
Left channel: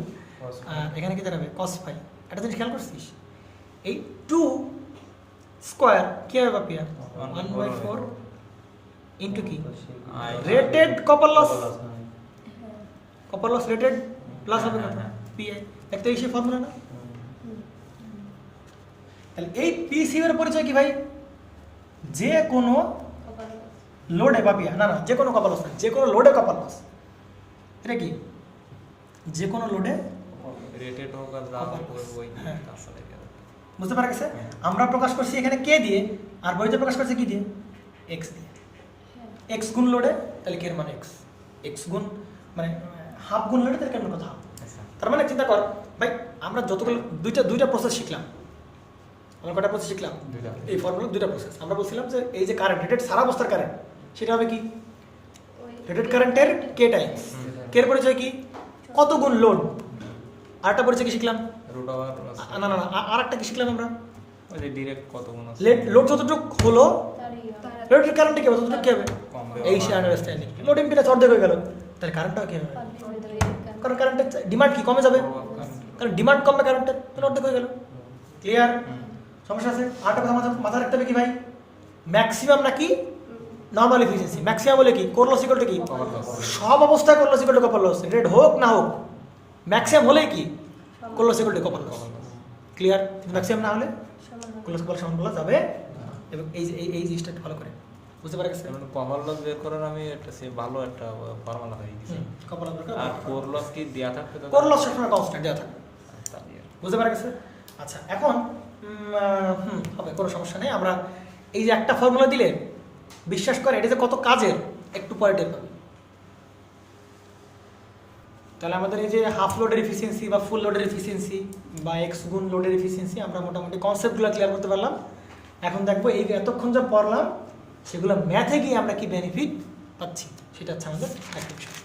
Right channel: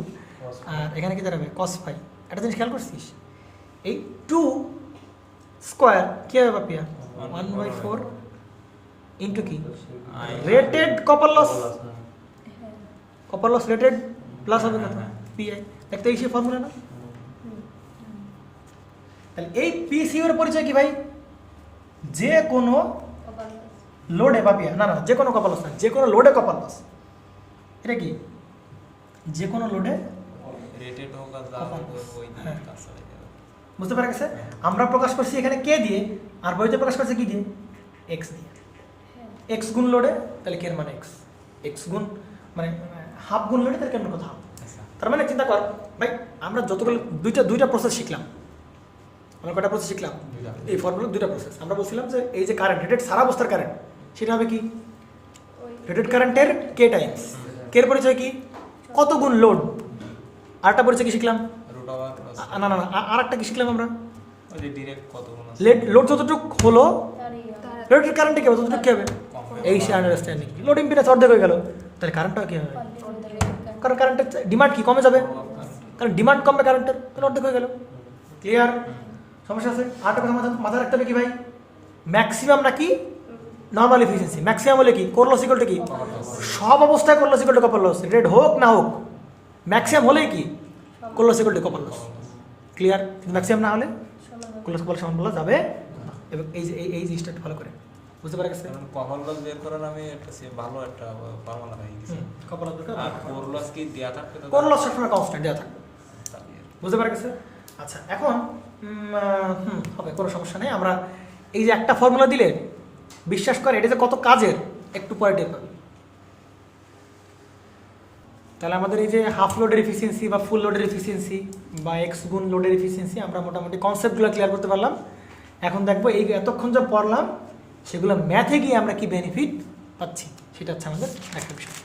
আর এখানে কি দাঁড়াবে cos 5, একটা জিনিস খেয়াল করছিস, এই 2 স্কোয়ার কি হবে বাপিয়া 1/4 ইনটু কি rated copper loss rated plus হবে কত PI, একটা এই ফর্মুলা না, তাহলে এই PCU এর পরিচয় কি ভাই, যে কোনো লোডে পাপিয়া, না না যে কোনো কপার লস না, যে কোনো লোডে কপার লস, এটা কি যে কোনো লোডে রেটেড হোক আর যা হোক ওই হ্যাঁ। তার সাথে গেল বুঝতে পারা গেছে? আমরা প্রকাশ করছি এখানে কে দিয়ে, আর বইতে প্রকাশ করছে কি দিয়ে, এক্স দিয়ে, এক্স গুণ লোডে, তাহলে কে এর মানে এক্স, এক্স গুণ মানে হাফ গুণ লোডে, তাহলে কেন কথা হাফ। তার মানে চিন্তা কর ভাই, আমরা যতগুলো দুইটা প্রসেস শিখলাম, আমরা কটা প্রসেস শিখলাম, দুইটা। এই ফর্মুলা দুইটা প্রসেস। আমরা বলছিলাম যে এই যে কারেন্ট রেটেড সারা অবস্থার কারেন্ট, সেটা হবে কি রেটেড কারেন্টের কে টাইমস, কে এর পরিচয় কি কত গুণ লোড, আরেকটা পরিচয় কি শিখলাম, রুট ওভার প্লাস না না না আরেকটা কি শিখলাম আমরা, ওই যে ডিরেক্ট কত গুণ আছে লোড যতটুকু হলো রেটেড কারেন্টে কি হবে ততটুকু কি হবে, কম এই সে আন্ডারস্ট্যান্ডিং, লোড ইম্পিডেন্স অর্ধেক হয়ে গেল, তাহলে কারেন্টটা কি হবে, কারণ কারেন্টের ডিমান্ড কি কমে যাবে, তাহলে ডিমান্ড কমবে কারেন্টের, তাহলে অর্ধেক হয়ে গেল, ক্লিয়ার? সমস্যা আছে? আরেকটা কথা মাথায় রাখতে হবে কি ভাই, ম্যাক্সিমাম নাকি নর্মাল এফিসিয়েন্সি, ম্যাক্সিমাম হলে কি কোর লস ইকুয়াল টু কি, সব অবস্থায় core loss equal to copper loss, rated হোক না হোক, ম্যাক্সিমাম হলেই কি core loss equal to copper loss, clear? Maximum না হলে কোর লস কপার সমান বলা যাবে, এবং এই জিনিসটা ফলো করে বুঝতে পারা গেছে, যেমন কভার লস বের করার আমি একটা সে ভালো একটা ফর্মুলা হয়ে গেছে কপার লস আর কোর লস কি দেয়া থাকতে তো কোর লস সবসময় কনস্ট্যান্ট দেওয়া থাকে, বুঝতে পারা গেছে? আচ্ছা এখন হবে, কোনো সমস্যা নেই। আমরা এই যে একটা ফর্মুলা দিলে বিশ্বাস করে এটা যে কত কাজের একটু পরে টের পাবে। তাহলে আমাদের এই যে হাফ লোডের এফিসিয়েন্সি বা ফুল লোডের এফিসিয়েন্সি বা এক্স গুণ লোডের এফিসিয়েন্সি আমরা মোটামুটি কনসেপ্টগুলো ক্লিয়ার করতে পারলাম। এখন দেখবো এই এতক্ষণ যা পড়লাম সেগুলো ম্যাথে গিয়ে আমরা কি বেনিফিট পাচ্ছি, সেটা হচ্ছে আমাদের একটা বিষয়।